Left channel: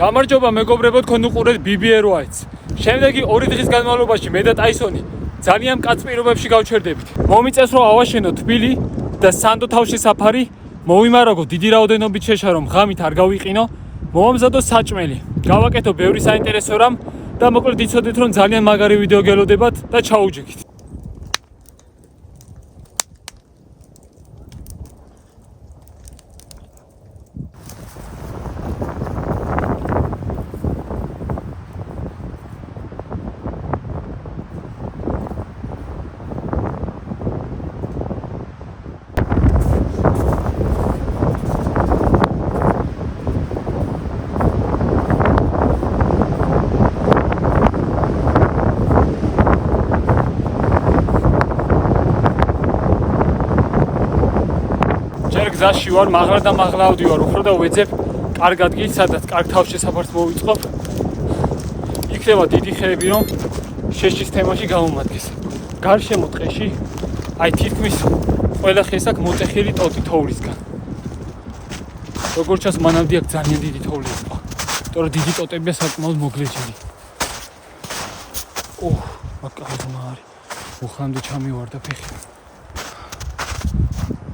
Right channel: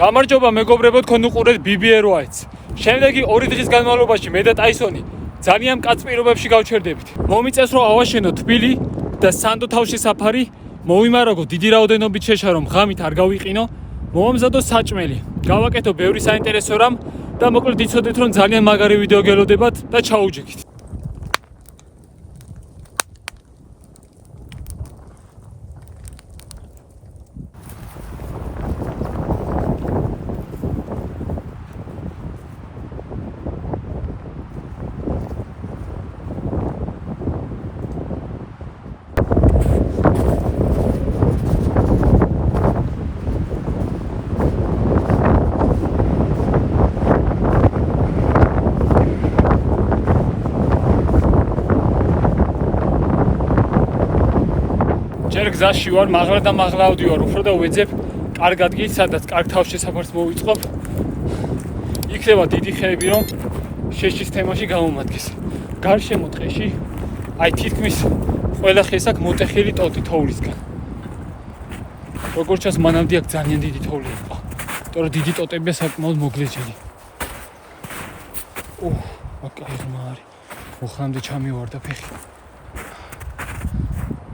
გამარჯობა მეგობრებო, თქვენ უყურეთ BBR Whites. შემდეგი 2 დღის განმავლობაში მე და ტაისონი ძალიან მკაც პირობებში გავჩერდებით. მომიწევს რომ ავაშენო თბილი და სანდო თავში საფარი, მოვიმარაგო დიდი რაოდენობით შეშა რომ ღამით არ გავიყინო, მომამზადო საჭმელი. გავაკეთო ბევრი საინტერესო რამ და მოკლედ იცოდეთ რომ ძალიან მაგარი ვიდეო გელოდებათ და ჩაუჯექით. გზაში ვარ, მაღლა და მაღლა ავდივარ, უფრო და ვეძებ კარგ ადგილს, სადაც კარგ თავშესაფარს მოვიწყობ. იქნება დიდი ხეები, რომ შეშის თემაში გამომადგეს. გარშემო ტყეში, აი თითქმის ყველა ხეს აქ მოტეხილი ტოტი თოვლისგან. როგორც ჩანს, მანამდე აქ ძალიან დიდი თოვლი იყო. იმიტომ რომ დიდი ტოტებია საკმაოდ მოგლეჯილი. აკაი ღმა არის. უხლამდე ჩამივარდა ფეხი.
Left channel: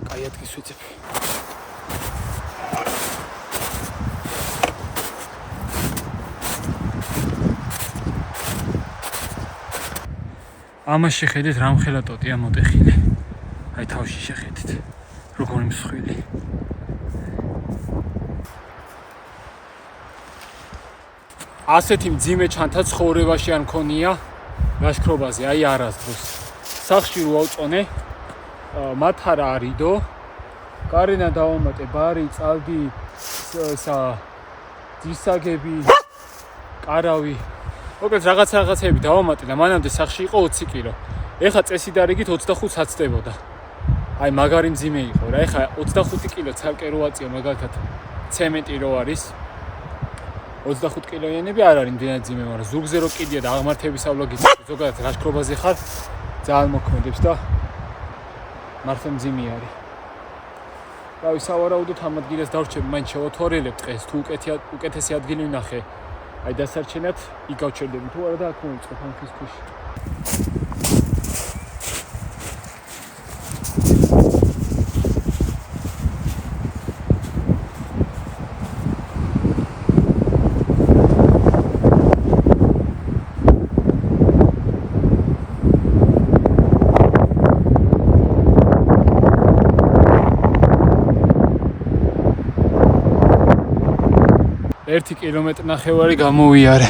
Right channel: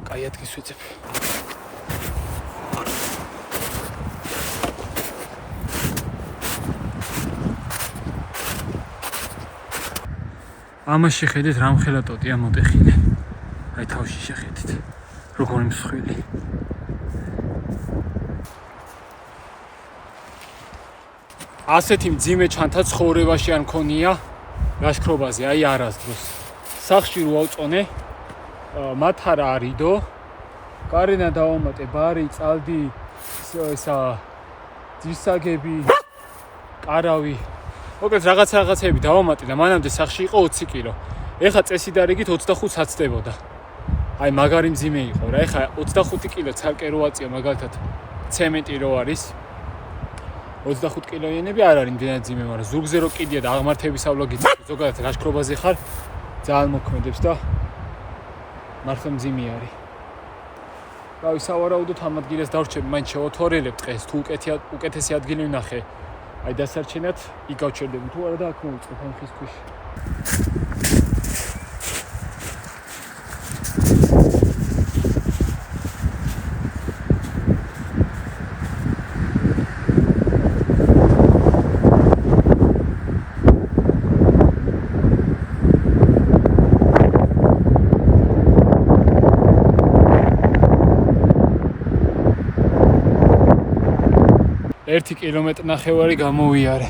კაი ადგილს ვეძებ. ამას შეხედეთ რამხელა ტოტია მოტეხილი. აი თავში შეხედეთ. როგორი მსხვილი. ასეთი მძიმე ჩანთა ცხოვრებაში არ მქონია ლაშქრობაზე, აი არასდროს. სახში რო ავწონე, მათ არ არიდო. გარენა დავამატე ბარი, წალდი, ძირსაგები, კარავი. მოკლედ რაღაცეები დავამატე და მანამდე სახში იყო 20 კილო. ეხა წესიდარიგით 25 საცდებოდა. აი მაგარი მძიმე იყო რა. ეხა 25 კილო ცალკე რო აწიო მაგალითად ცემენტი რო არის. 25 კილოიანები არ არის მდენად მძიმე, მაგრამ ზურგზე რო კიდია და აღმართებისავლოგით ზოგადად ლაშქრობაზე ხარ, ძალიან მოქმედებს და მართლა მძიმე არის. რავი, სავარაუდოდ ამ ადგილას დავრჩები, მაინც შევათვალიერებ დღეს, თუ უკეთესი ადგილი ვნახე. აი დასარჩენად იქ გავჩერდები თუ არა და აქ მოვიწყებ ამ ხის ქვაში. ერთი კილომეტრი ნახევარი გამოვიარე.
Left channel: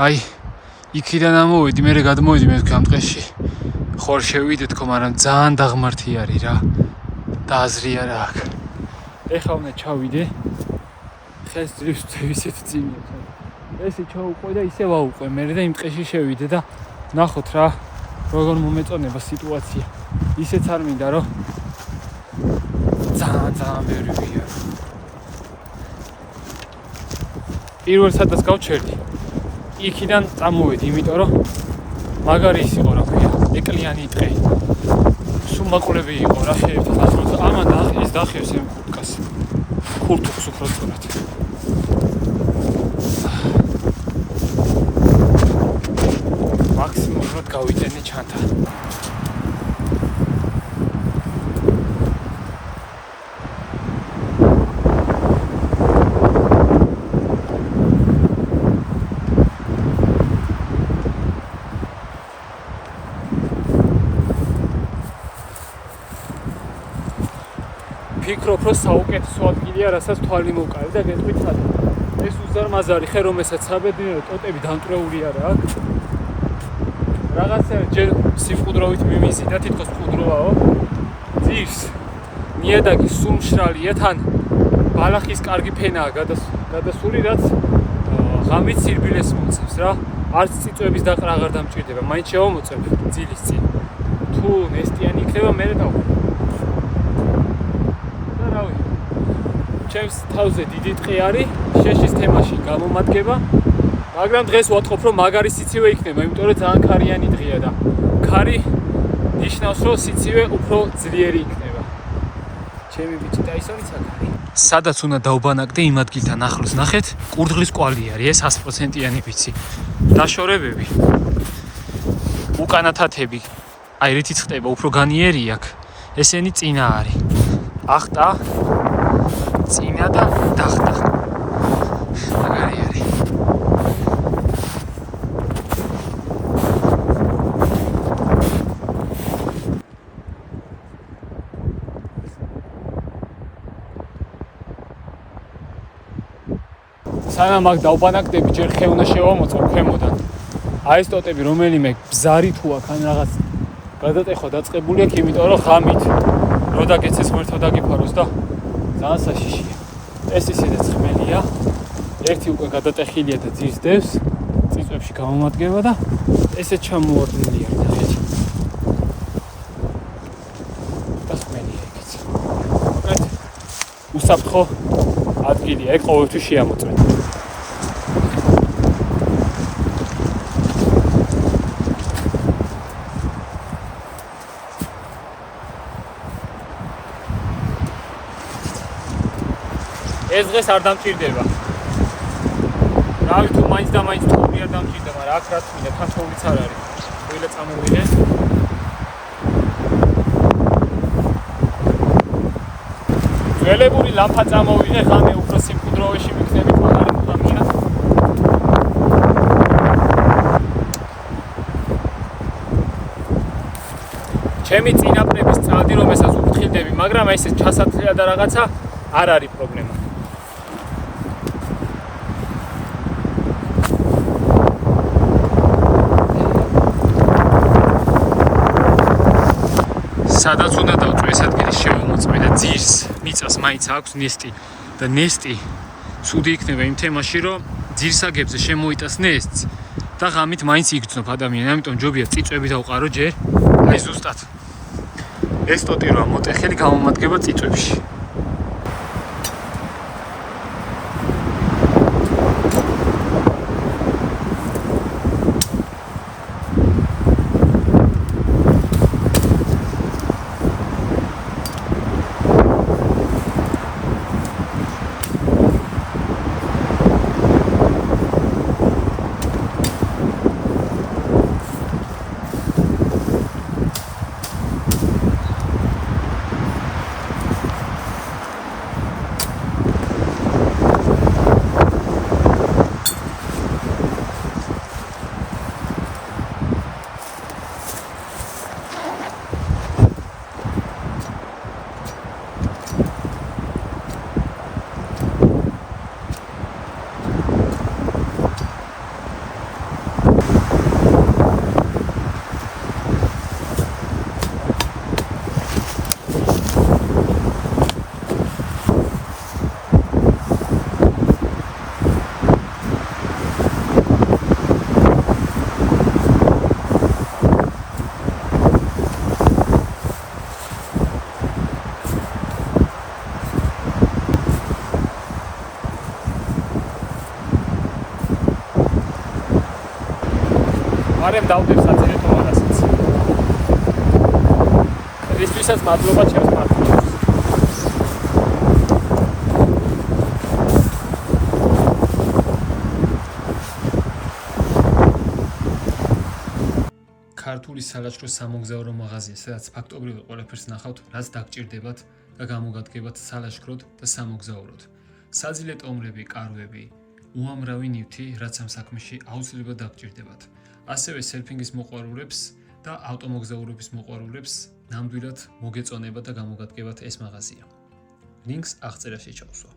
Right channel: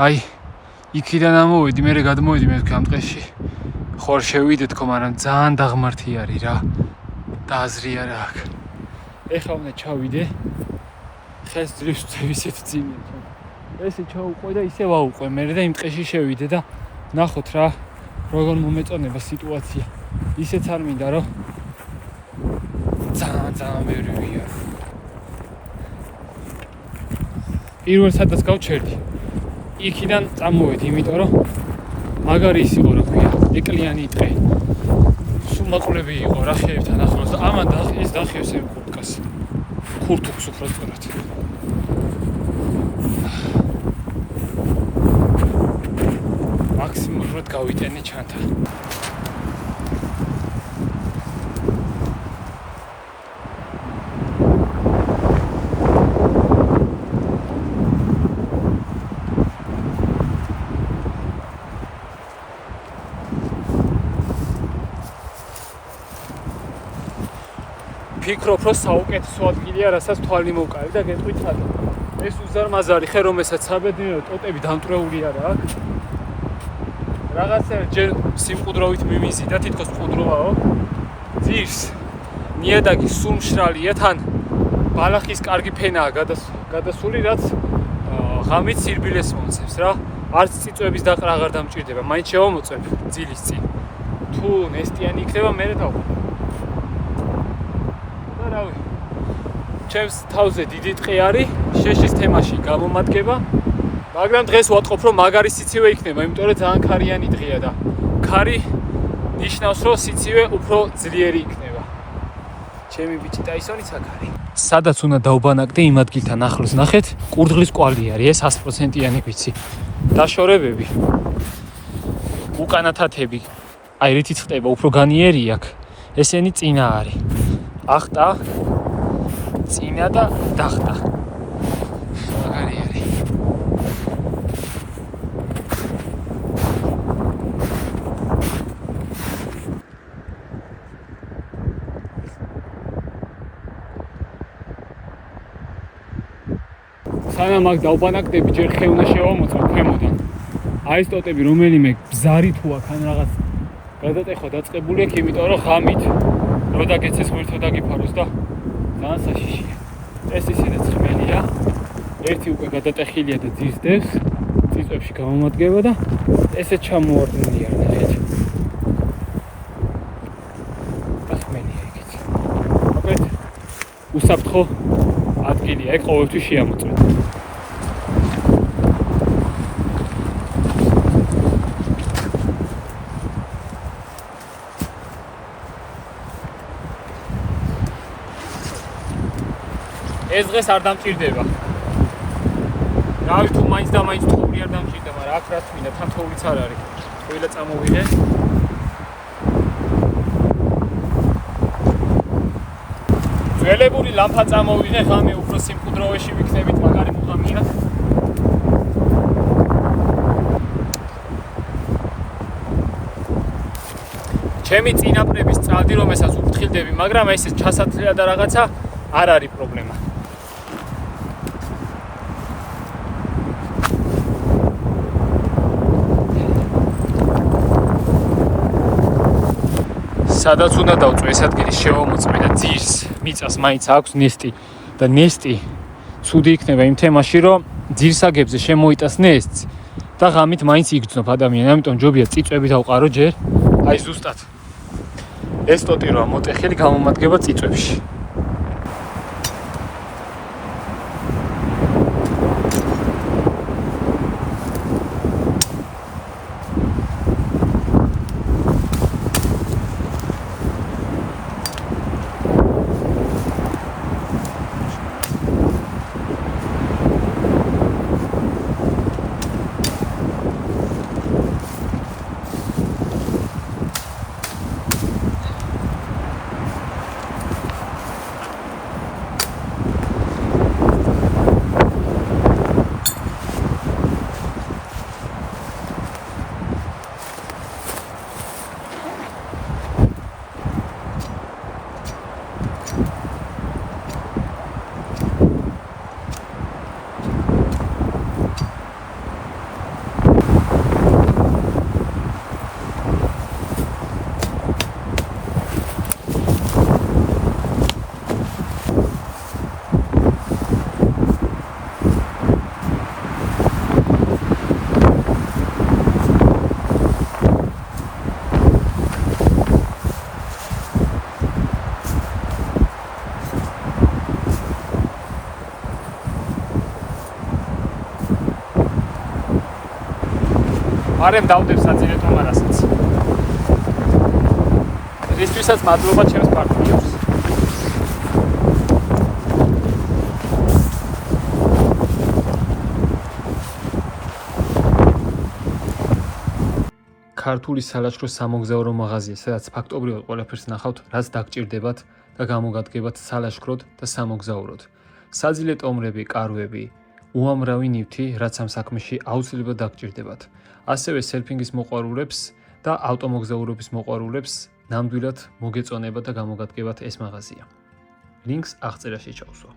აი, იქიდან ამოვედი, მერე გადმოვედი მე თქვი ამ ტყეში. ხوار შევიდეთ ხო, მაგრამ ძალიან დაღმართი არის რა. დააზრია რა აქ. ეხლა უნდა ჩავიდე. ხეს ძრის ისეთ ძიმია ჩა. ესე ჩაუყვე და ისე ვაუყვე მერე და იმ ტყეში შევიდე და ნახოთ რა, როგორ მომეწონება სიტუაცია. ისეც არ მინდა რომ ძალიან ბევრი ვიარო. პირველ სადაც გავჩერდი. იქიდან წამოვედი, იმიტომ რომ მაგარი ის იყო რა ქვია, ეკლიანი ტყე. სუმაყურები იყო რა ხეებთან ახლოს. ამან ის დახევს ამ ხურკას. ხურთუხს უფრო სწორად. მაქსიმუმად გავიტენე ჩანთა. ფიქრობ რომ საუკეთესო ადგილია, რასაც თვალი მოვკარი და გეტყვით რატო. ეს უზარმაზარი ხე, რომელსაც საბედნიერო ტოტები დამტვრეული არა აქ. რაღაცა ჯერ სიმყუდროვით მიმიზი და თითქოს მყუდროვაო. ძირს ნიადაგი სუმშრალია, თან ბალახის კარგი ფენაა გადასული, რაც ღამით სირბილეს მომცემს რა. არც წიწვების დაყრა აღარ დამჭირდება, მაინც შევამოწებ ძილის წინ. თუ ნესტიანი იქნება, მერე დავყვე. რავი, ჩემს თავზე დიდი ტყე არის, შეშის თემაში გამომადგება, მაგრამ დღეს ვატყობ რომ მაგარი სიცივე იქნება, იმიტომ რომ ძალიან ქარიანი დღეა და ქარი ნიშნავს რომ სიცივე უფრო ძლიერი იქნება. ჩემი ბიჭი ტაისონიც აქ არის. სადაც უნდა დაუბანაკდე იმ ადგილთან ახლოს, ნახეთ, კურდღლის კვალი არის, ეს 100%-იანი ვიცი. დაშორებები. უკანათათები. აი რითიც ხდება, უფრო განიერი აქ. ესენი წინა არის. ახტა, წინა და დახტა. მაგარი არის. სანამ აქ დაუბანაკდები, ჯერ ხე უნდა შევამოწმო ქვემოდან. აი ეს ტოტები რომელიმე ბზარი თუ აქ ან რაღაც გადატეხვა დაწყებული აქვს, იმიტომ რომ ღამით რო დაგეცეს ღმერთო დაგიფაროს და ძალიან საშიშია. ეს ისედაც ხმელია. ერთი უკვე გადატეხილია და ძირს წიწვებში გამომადგება და ესეც ჩამოვარდნილია ნახეთ. ეს ხმელია იქიც. აკეთ უსაფრთხო ადგილია, ეგ ყოველთვის შეამოწმეთ. ეს დღეს არ დამჭირდება. რავი თუ მაინც და მაინც თოვლი არ დამჭირდება, მაგრამ აქ რაც მინდა, თან თოვლიც არ არის. თოვლა წამოვიღე. ძველებული ლამპა წამოვიღე, ღამე უფრო სიმკვდროვეში ვიქნებით, მაგარი მუღამია. ჩემი წინაპრების წადი, რომელსაც უფრთხილდები, მაგრამ ეს ჩასათლია და რაღაცა არ არის პრობლემა. სადაც უნდა დავწვე ეს ადგილი შევამოწმე და ძირს მიწას მაინც აქვს ნესტი და ნესტი ცუდი იქნება იმ თემაში რომ ძირსაგებზე შემოიტას ნესტს და ღამით მაინც იგრძნობ ადამიანი, ამიტომ ჯობია წიწვები დავყარო ჯერ, აი ზუსტად ეს ტოტი როა მოტეხილი გამომადგება წიწვებში. არემ დავდებ საძირეთო მარასაც. რისთვისაც მადლობა ჩემს პარტნიორს. ქართული სალაშქროს სამოგზაურო მაღაზია, სადაც ფაქტობრივად ყველაფერს ნახავთ, რაც დაგჭირდებათ და გამოგადგებათ სალაშქროდ და სამოგზაუროდ. საძილე ტომრები, კარვები, უამრავი ნივთი, რაც ამ საქმეში აუცილებლად დაგჭირდებათ. ასევე სერფინგის მოყვარულებს და ავტომოგზაურობის მოყვარულებს ნამდვილად მოგეწონება და გამოგადგებათ ეს მაღაზია. ლინკს აღწერაში ჩავსვა.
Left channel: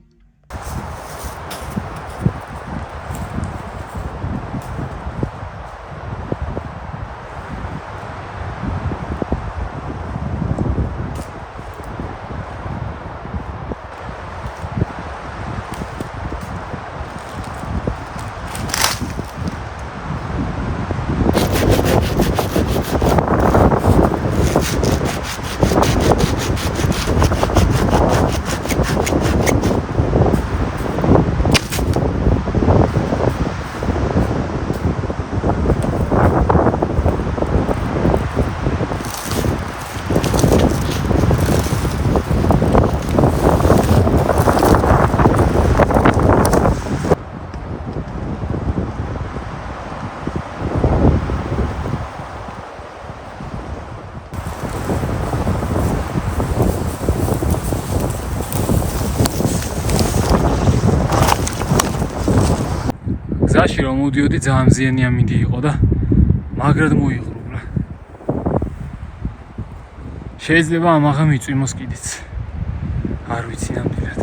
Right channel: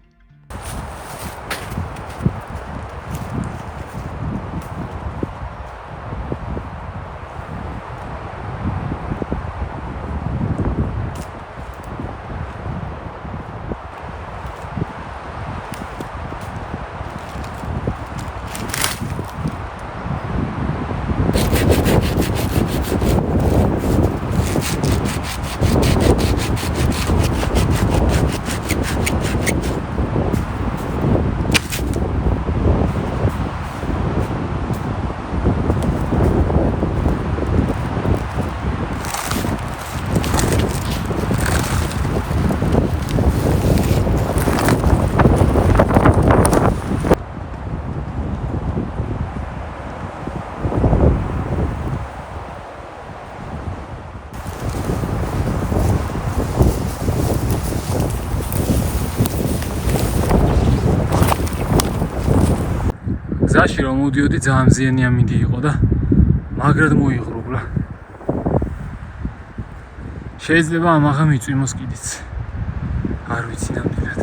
გზაში რომ მოდიოდი ძალიან მზიანი ამინდი იყო და მაგრად მოიღრუბლა. შეიძლება ამაღა მიწვიმოს კიდიც. არ ვიცი ნამდვილად.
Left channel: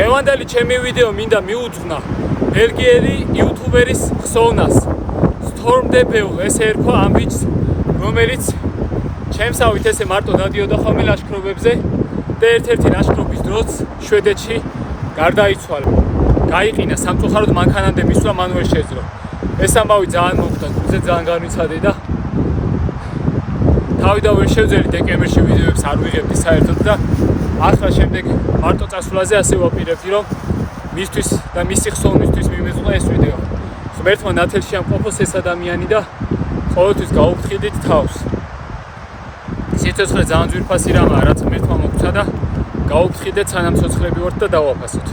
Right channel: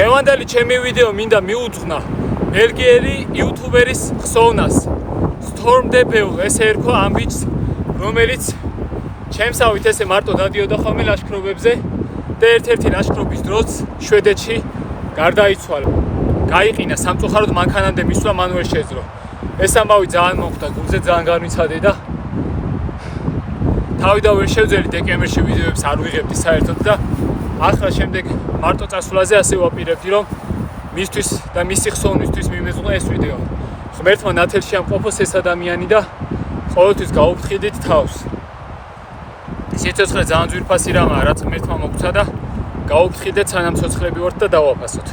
დღევანდელი ჩემი ვიდეო მინდა მიუძღვნა ბელგიელი იუთუბერის ხსოვნას Stormdebel, ესე ერქვა ამ ბიჭს, რომელიც ჩემსავით ესე მარტო დადიოდა ხოლმე ლაშქრობებზე და ერთ-ერთი ლაშქრობის დროს შვედეთში გარდაიცვალა. გაიყინა სამწუხაროდ მანქანამდე მისვლა მანუელ შეძლო. ეს ამბავი ძალიან მომხდა, გულზე ძალიან განვიცადე და თავი და ვერ შევძელი დეკემბერში ვიდეოებს არ ვიღებდი საერთოდ და ახლა შემდეგ მარტო წასვლაზე ასე ვაპირებდი რომ მისთვის და მისი ხსოვნისთვის მიმეძღვნა ეს ვიდეო. ღმერთმა ნათელში ამყოფოს ეს ადამიანი და ყოველთვის გაუფრთხილდით თავს. სიცოცხლე ძალიან ძვირფასი რამაა, რაც ღმერთმა მოგცა და გაუფრთხილდეთ სანამ ცოცხლები ვართ და დავაფასოთ.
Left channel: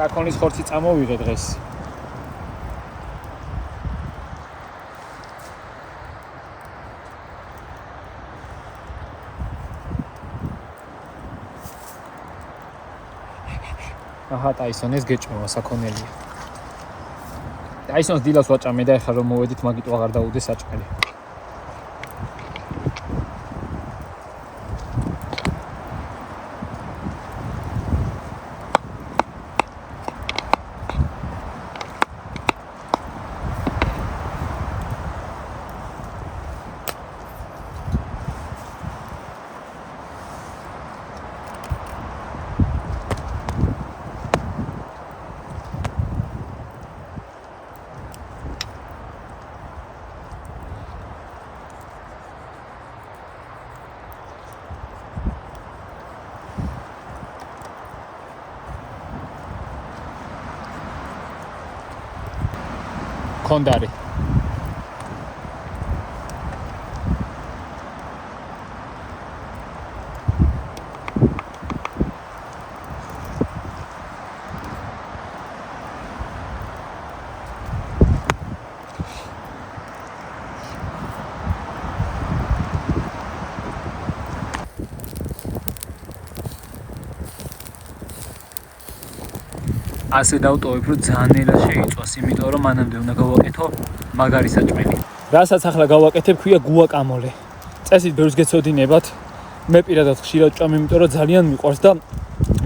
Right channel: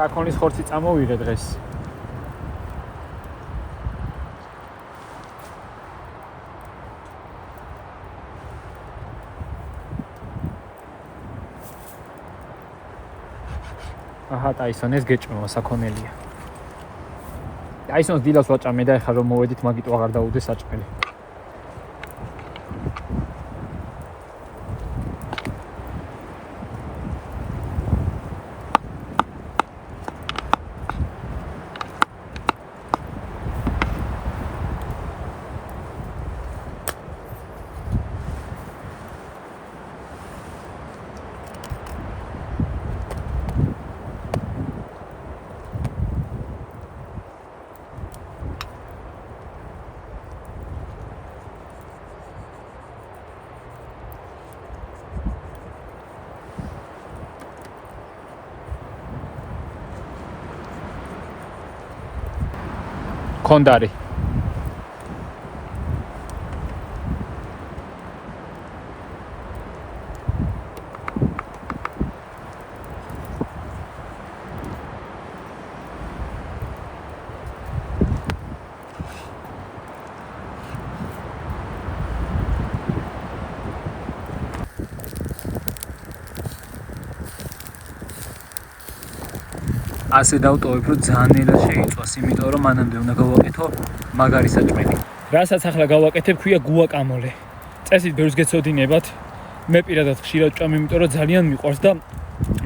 საკონის ხორცი წამოვიღე დღეს. აჰა, ტაისონ ეს გეჭმოა საკონელია. აი ეს დილას ვაჭამე და ეხლა რომ მოვედით მაგიტო აღარ დაუდეს საჭმელი. Kondari. ასე დავტოვებ, რომ ძალიან ნელა შეიწვას, იმიტომ რომ მანამდე უნდა გავაკეთო მაგარი საჭმელი. რასაც ახლა გავაკეთებ, ქვია გუაკამოლე. წესით ბევრს გეცოდინებათ. მე პირადად ხშირად ვჭამ, იმიტომ რომ ძალიან მიყვარს და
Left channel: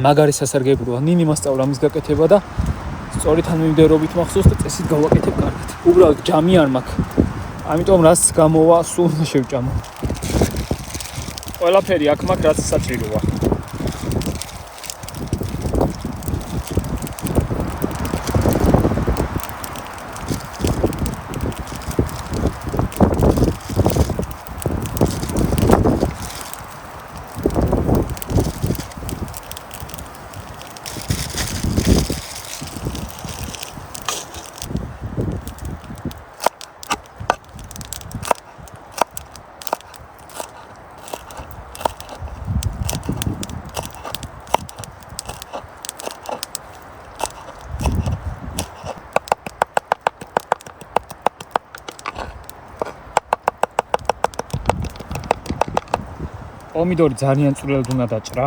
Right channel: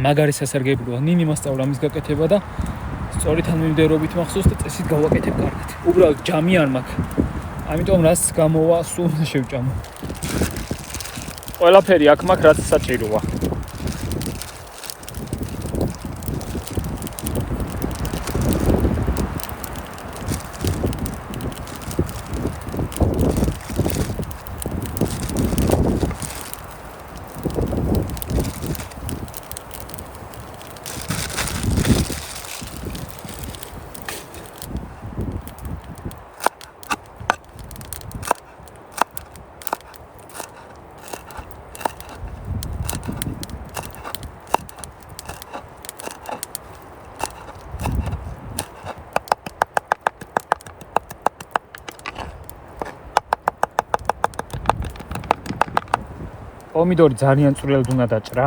მაგარი სასარგებლოა. ნინი მასწავლა ამის გაკეთება და სწორი თანმიმდევრობით მახსოვს და წესით გავაკეთებ კარგად. უბრალოდ ჯამი არ მაქვს. ამიტომ რაც გამოვა, სულ უნდა შევჭამო. ყველაფერი აქ მაქვს, რაც საჭიროა. Pomidori ძალიან წვრილად უნდა დაჭრა.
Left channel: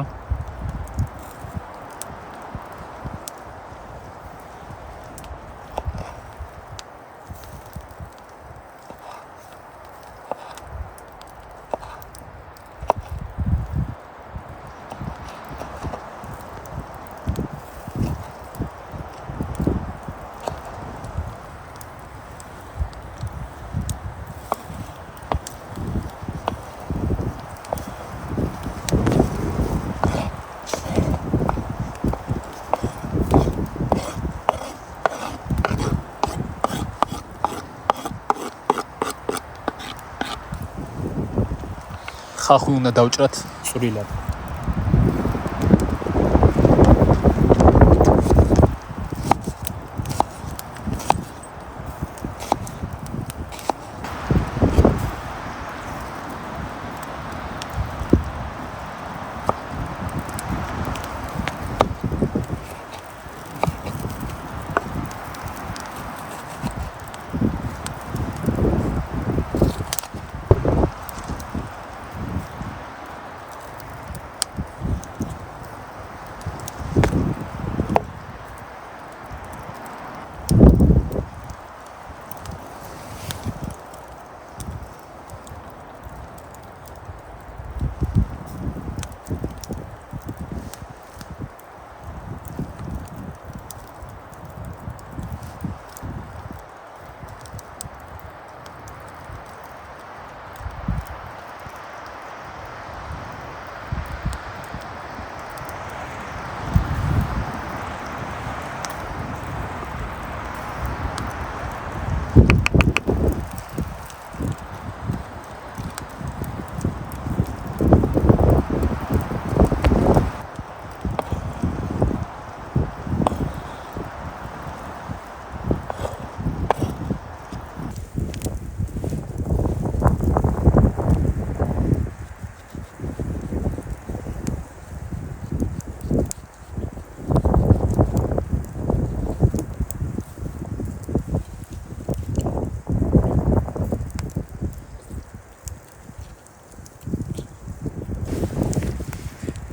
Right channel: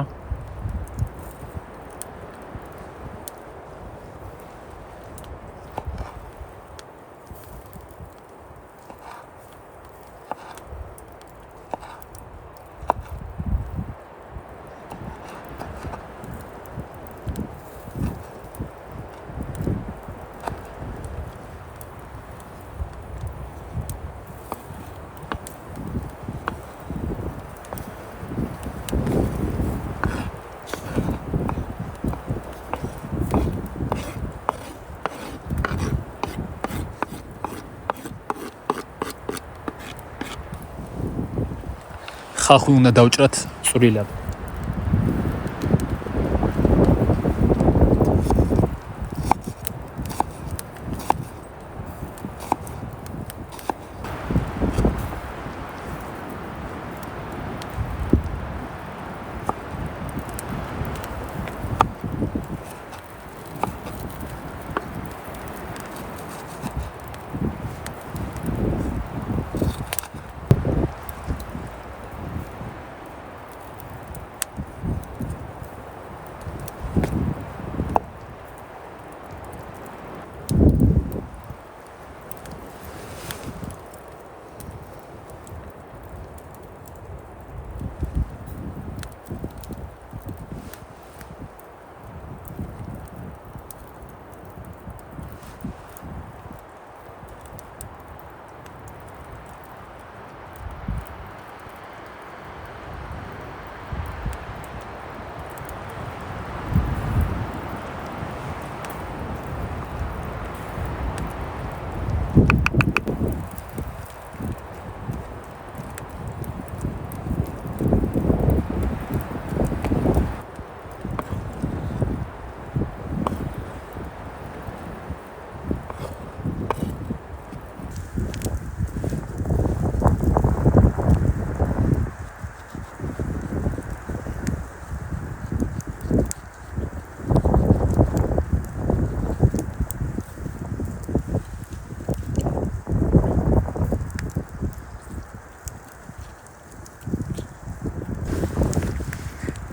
ხახუნ უნდა დავჭრათ წვრილად.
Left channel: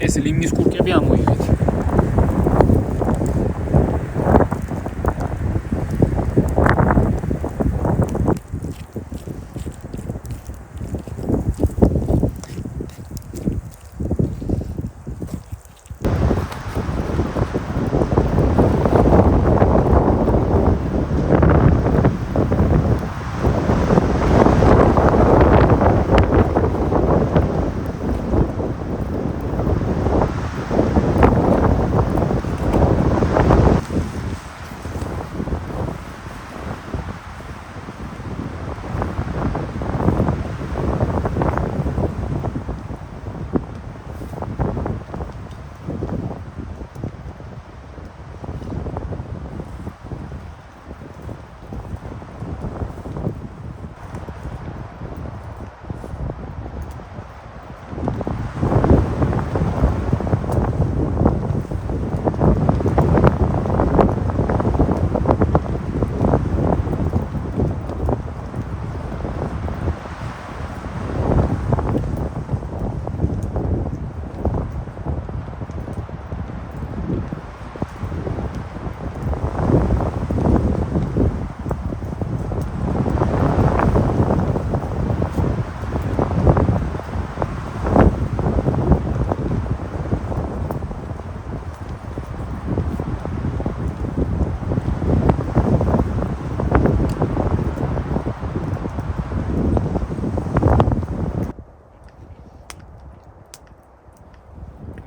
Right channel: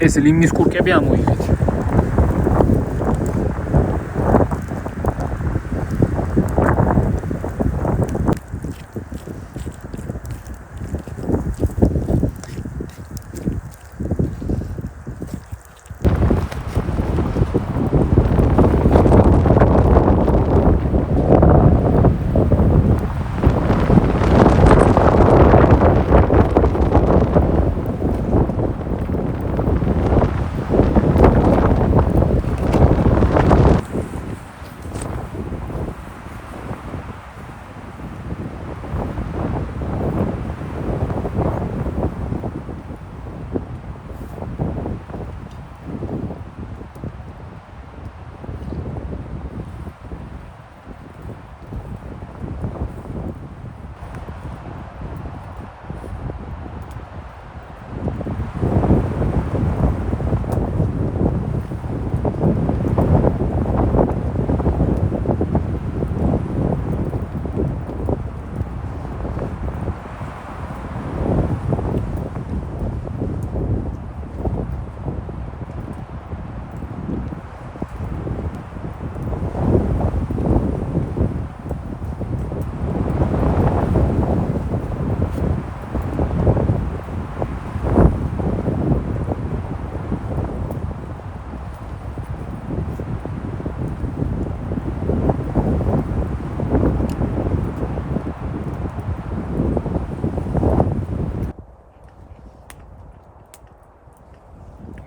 ეს ლიმნის კურკები ამოიღეთ.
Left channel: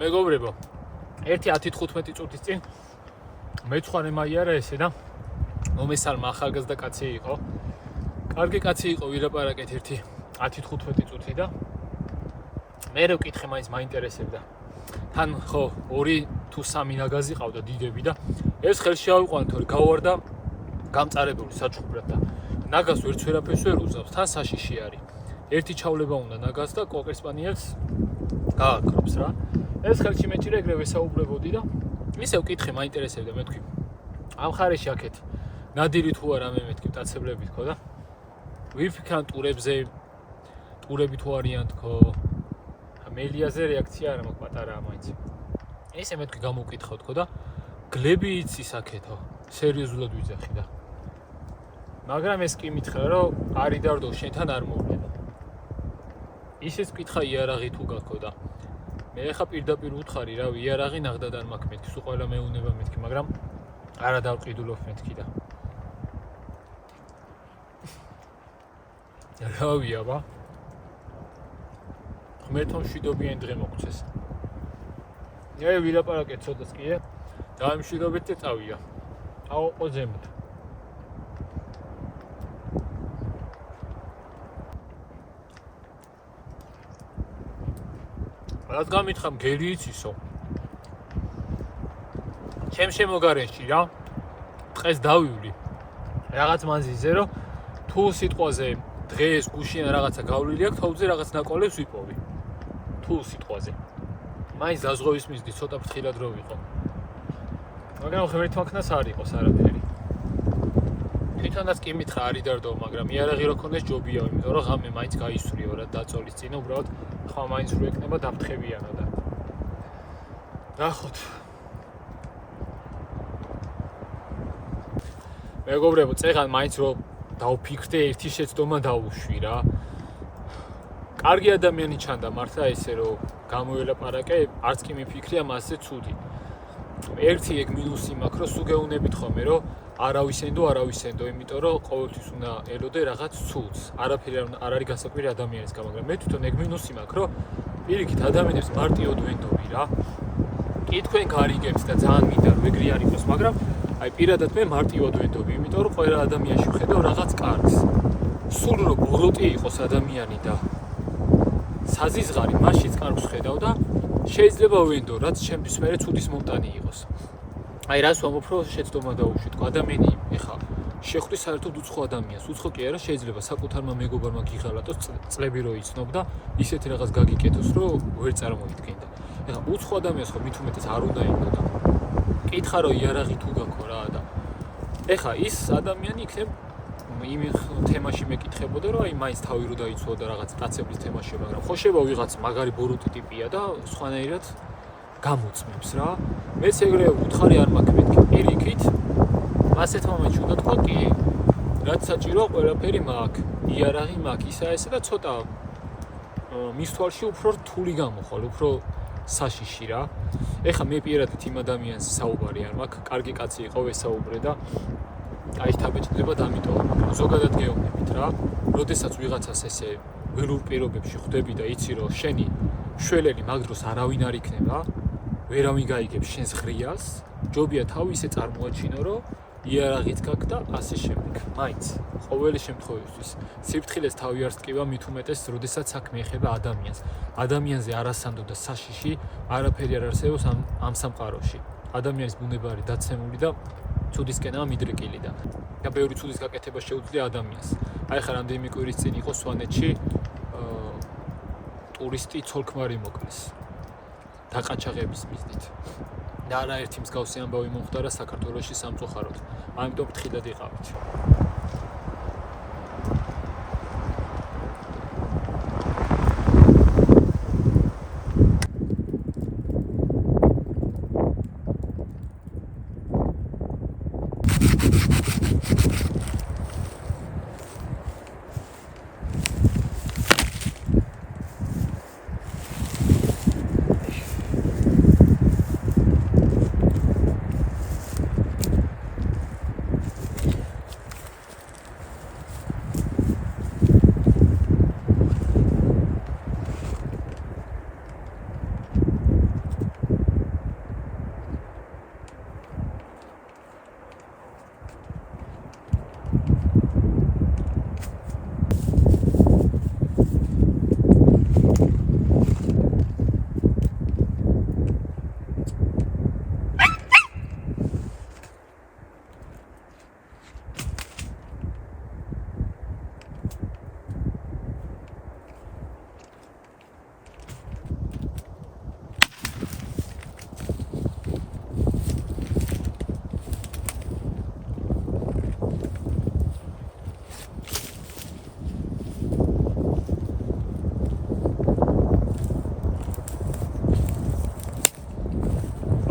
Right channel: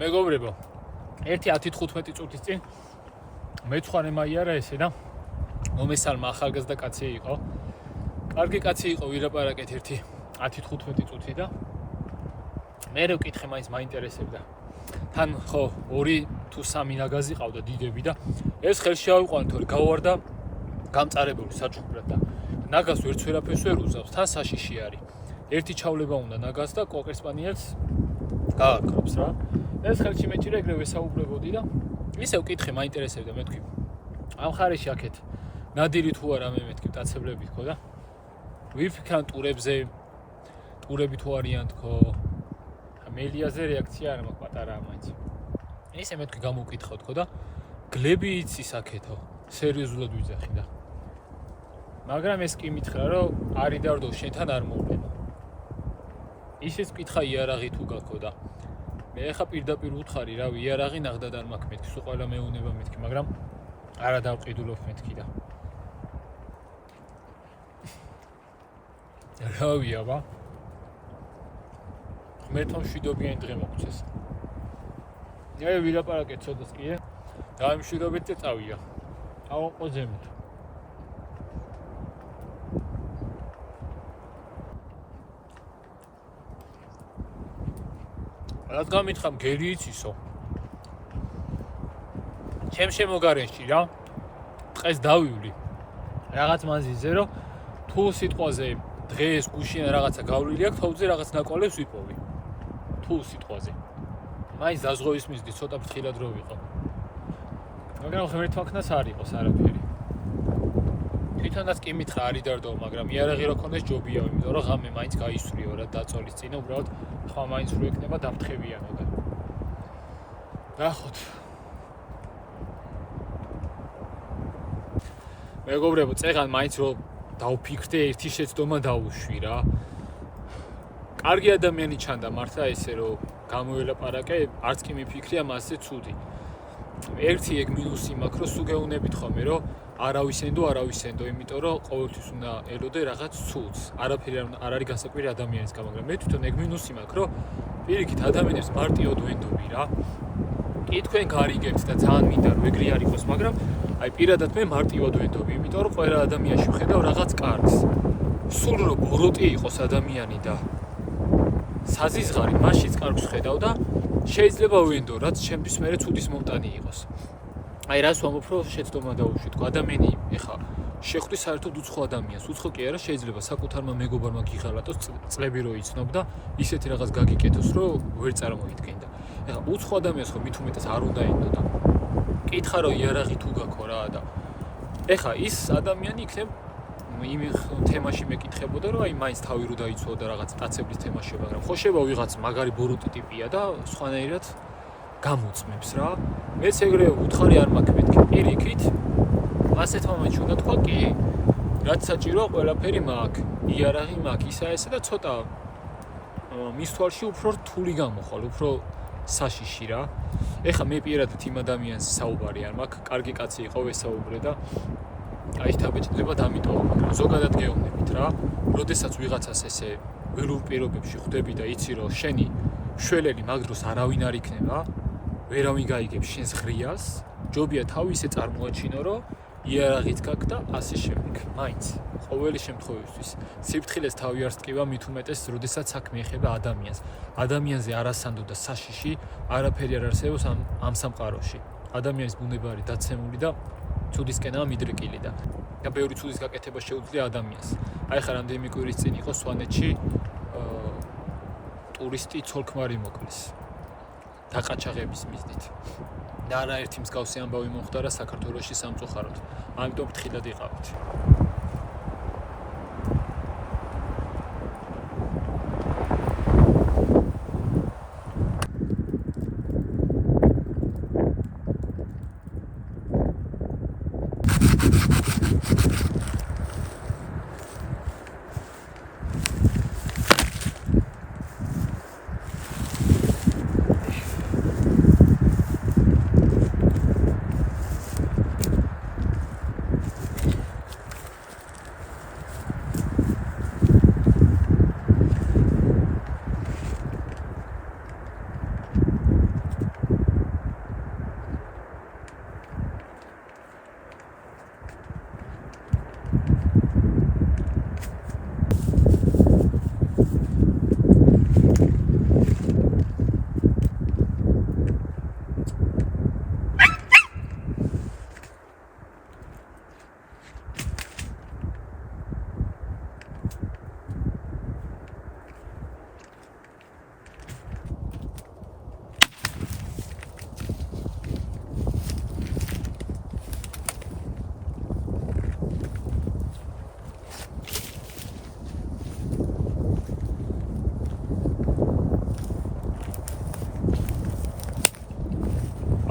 მეგობრებო, ერთი 10-15 წუთის წინ მეცხვარე მაიარა ესე და მომესალმა ახალგაზრდა კაცი იყო. კარგი კაცი იყო, ვირაპარაკეთ ერთი 10-15 წუთი და მე რო ვკითხე, მაინც მაინტერესებდა. თან ხო 2 თუ 3 ნაგაზი ყავდა დიდები და ეს ხელში ავიყვანეთ, თორე გავარდა გამწარებული საჩუქრად და ნაგაზს ვერც ვერაფერს ვერ უზავს, თან საშიში არის. ერთი ჩავლება უნდა ნაგაზს და კოკერსპანიელს გააკრობს რა. ეს ხელში მეჭირე ეგრევე საუბრებოდი და ისევ ვკითხე, მაინტერესებდა, მე თქვი. ამ ხარეში აქეთ ნადირი თუ არა მე მეთქი დაწებლები თქო და ვიფიქრან ტურებზე, ტურები თუ არიან თქო. მელიაზე რეაქცია არა მაქვს პატარაა მაინც. ესე მე თქვი გამოვკითხავ თქო და გლები იცის აქეთო, სერიოზულად ვიძახი და. მაგრამ ეს კი მითხრა, რომ არი დარდო შენთან არ მოვნება. ისიც ვკითხა იარაღი თუ გაქო და მე ხა პირდაპირ უთხარი, რავი, იარაღი ნახდად არ მაქვს მეთქი, სულ ყველა მეუნება მეთქი, მაგრამ არა დავყიდულობ მეთქი და. რავი აბა. ღმერთმა მშვიდობიანი დღე მოგცეს. მე ვილაპარაკეთ ცოტას კი, დაიმშვიდობეთ და წავია. აუყო ზემოთ. რადგან მითხარ გელი იცისო. ჩემ შემოგარენში რა. დღეს დავივლი. რაღაც მანძილზე რომ თუ სიტყვაზე დღეს გუშინ რაღაცა გავლილი აქვს, თოვზე რაღაც ნაკვალევს ვიპოვი. თუ სიტყვაზე. მაინც დაზღვევის მისდი ცოტა ფრთხილად რო ვიყო. მაგრამ ღმერთმა ქნას არ იყოს არაფერი. თვითონაც კი მითხრა არი დარდო, მაგრამ იარაღი რო ქონდეს ჯობიაო, იმიტომ რომ ღამე მაინც გაისვრიო რა დაწოლის წინ, უბრალოდ ხმა მაინც რო ეკნება დაფრთხებიანო და. ნახოთ. მეგობრებო, წეგან მაინც რო დავფიქრდე, ერთი შეცდომა დავუშვი რა. კარგი ადამიანი ჩანდა მართლა ესე რომ გამოელაპარაკე, არც კი მიფიქრია მასზე ცუდი. ერთი ეგ მინუსი მაქვს, რომ სუგეუნებით ხოლმე, რომ არავისენდო, იმიტომ რომ ყოველთვის უნდა ელოდე რაღაც ცუდს. არაფერი არ არის გასაკვირი ადამიანის გამო, მაგრამ მე თვითონ ეგ მინუსი მაქვს, რომ პირიქით ადამიანებს მარტივად ვენდობი რა. კი თქვენ გარიგებთ და ძალიან მინდა რომ ეგრე არ იყოს, მაგრამ აი პირადად მე მარტივად ვენდობი, იმიტომ რომ ყველა ადამიანში ვხედავ რაღაც კარგს. სულ რომ ბოროტი იყოს ადამიანი და საზიზღარი მასშიც კარგს ხედავ და შეიძლება ვენდო, რაც ჩემთვის მერე ცუდის მომტანი იყოს. აი რას ვამბობ, რომ შეცდომა დავუშვი, თქო ადამიანი ეხა შეხვდი საერთოდ უცხო ადამიანს, უცხო კი არა, შეიძლება საკუთარმა მეგობარმა გიღალატოს წლები რო იცნობ და ისეთი რაღაც გაგიკეთოს, რომ ვერ წარმოიდგენდა. ეხა უცხო ადამიანს ხო მით უმეტეს არ უნდა ენდო და კითხა რომ იარაღი თუ გაქო რა და ეხა ის ადამიანი იქნებ იმ თემაში მეკითხებოდა რომ აი მაინც თავი რო დაიცვა და რაღაც დაცებლის თემაში, მაგრამ ხო შევა ვიღაც მაგარი ბოროტი ტიპია და სხვანაირად გამოწმებს რა. მეც ეგრე უთხარი არ მაქვს მეთქი პირიქით. ასეთ მომენტში უნდა თქვა კი, რაც საჭიროა ყველაფერი მაქვს, იარაღი მაქვს, ისა ესა და ცოტა მის თვალში უფრო რთული გამოხვალ, უფრო საშიში რა. ეხა მე პირადად იმ ადამიანს საუბარი არ მაქვს, კარგი კაცი იყო ვესაუბრე და აი თავეჭდება დამიტოვა, მაგრამ ზოგადად გეუბნებით რა, როდესაც ვიღაცას ესე ველურ პირობებში ხვდები და იცი რომ შენი შველელი მაგ დროს არავინ არ იქნება, ვერავინ გაიგებს შენს ღრიას, ჯობია თავი ისე წარმოაჩინო, რომ იარაღიც გაქვს და ასე შემდეგ. მაინც ყოველი შემთხვევისთვის სიფრთხილეს თავი არ სტკივა, მით უმეტეს, როდესაც საქმე ეხება ადამიანს. ადამიანზე არასანდო და საშიში არაფერი არ არსებობს ამ სამყაროში. ადამიანის ბუნება არის დაცემული და ცუდისკენაა მიდრეკილი და ბევრი ცუდის გაკეთება შეუძლია ადამიანს. აი ხა რამდენიმე კვირის წინ იყო სვანეთში ტურისტი ცოლ-ქმარი მოკლეს დაყაჩაღების მიზნით. და არაერთი მსგავსი ამბავი მომხდარა საქართველოში სამწუხაროდ. ამიტომ ფრთხილად იყავით.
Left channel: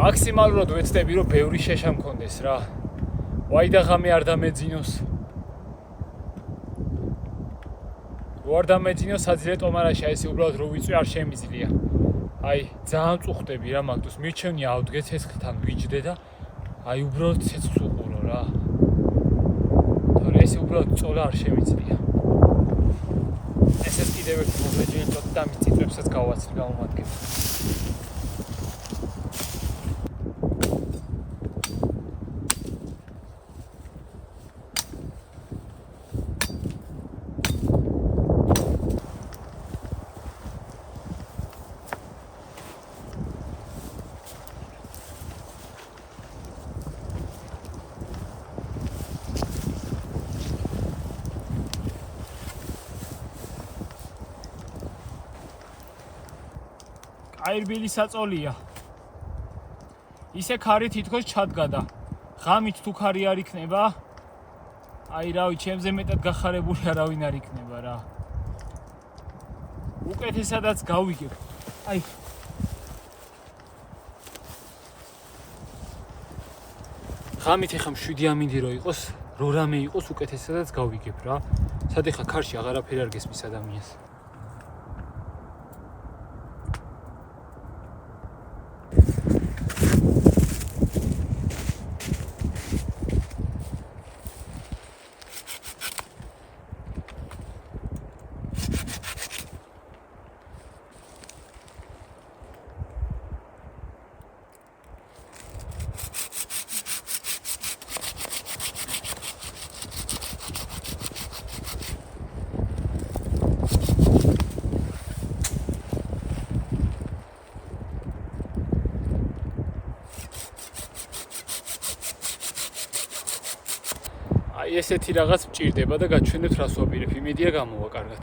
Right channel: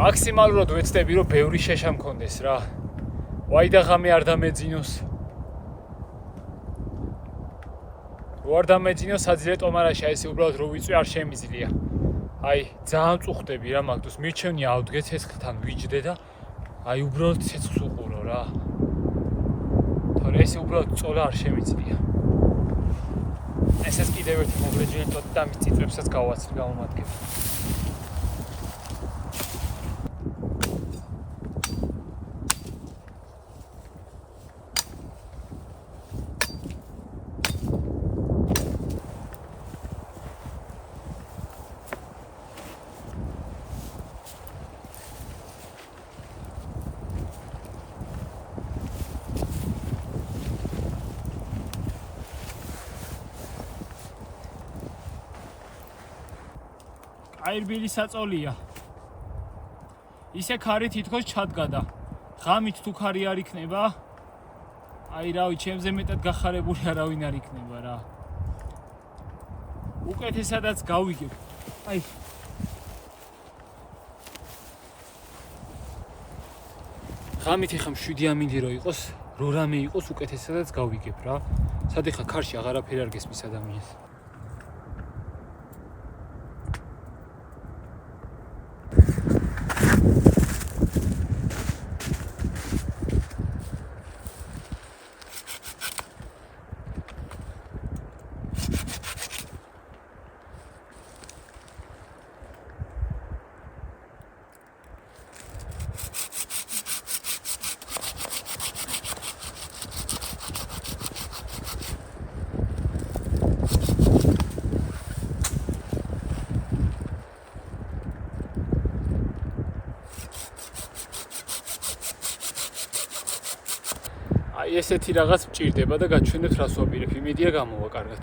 მაქსიმალურად ვეცდები რომ ბევრი შეშა მქონდეს რა. ვაი და ღამე არ დამეძინოს. რო არ დამეძინოს საძილე ტომარაში აი ესე უბრალოდ რო ვიწვი არ შემიძლია. აი ძალიან წუხდები რა მაგდოს მირჩევნი ავდგე ცეცხლთან ვიჯდე და აი უბრალოდ ცეცხლს უყურო რა. თორე ესე უბრალოდ წოლა არ შემიძლია. ესეც კიდევ ერთი მოგრეჯილი ტოტი და მის წიწვებსაც გავაცვლი გამომადგება. აირბილი საწოლია. ისე ქარი თითქოს ჩადგა და ღამით თუ ქარი არ იქნება, აი რავი, ჩემზე მეტად გახარებული არავინ არ იქნება რა. უკეთესადაც გავიგებ. აი ღამით ეხა 7 ამინდი რო იყოს, რო რამე იყოს უკეთესადაც გავიგებ რა. სად ეხა ქარში აღარაფერი არ გესმის ადამიანს. აი ესეთი რაღაც მჭირდება და გაჩვენებთ რას ვაპირებ, იმედია გამოვა კარგად.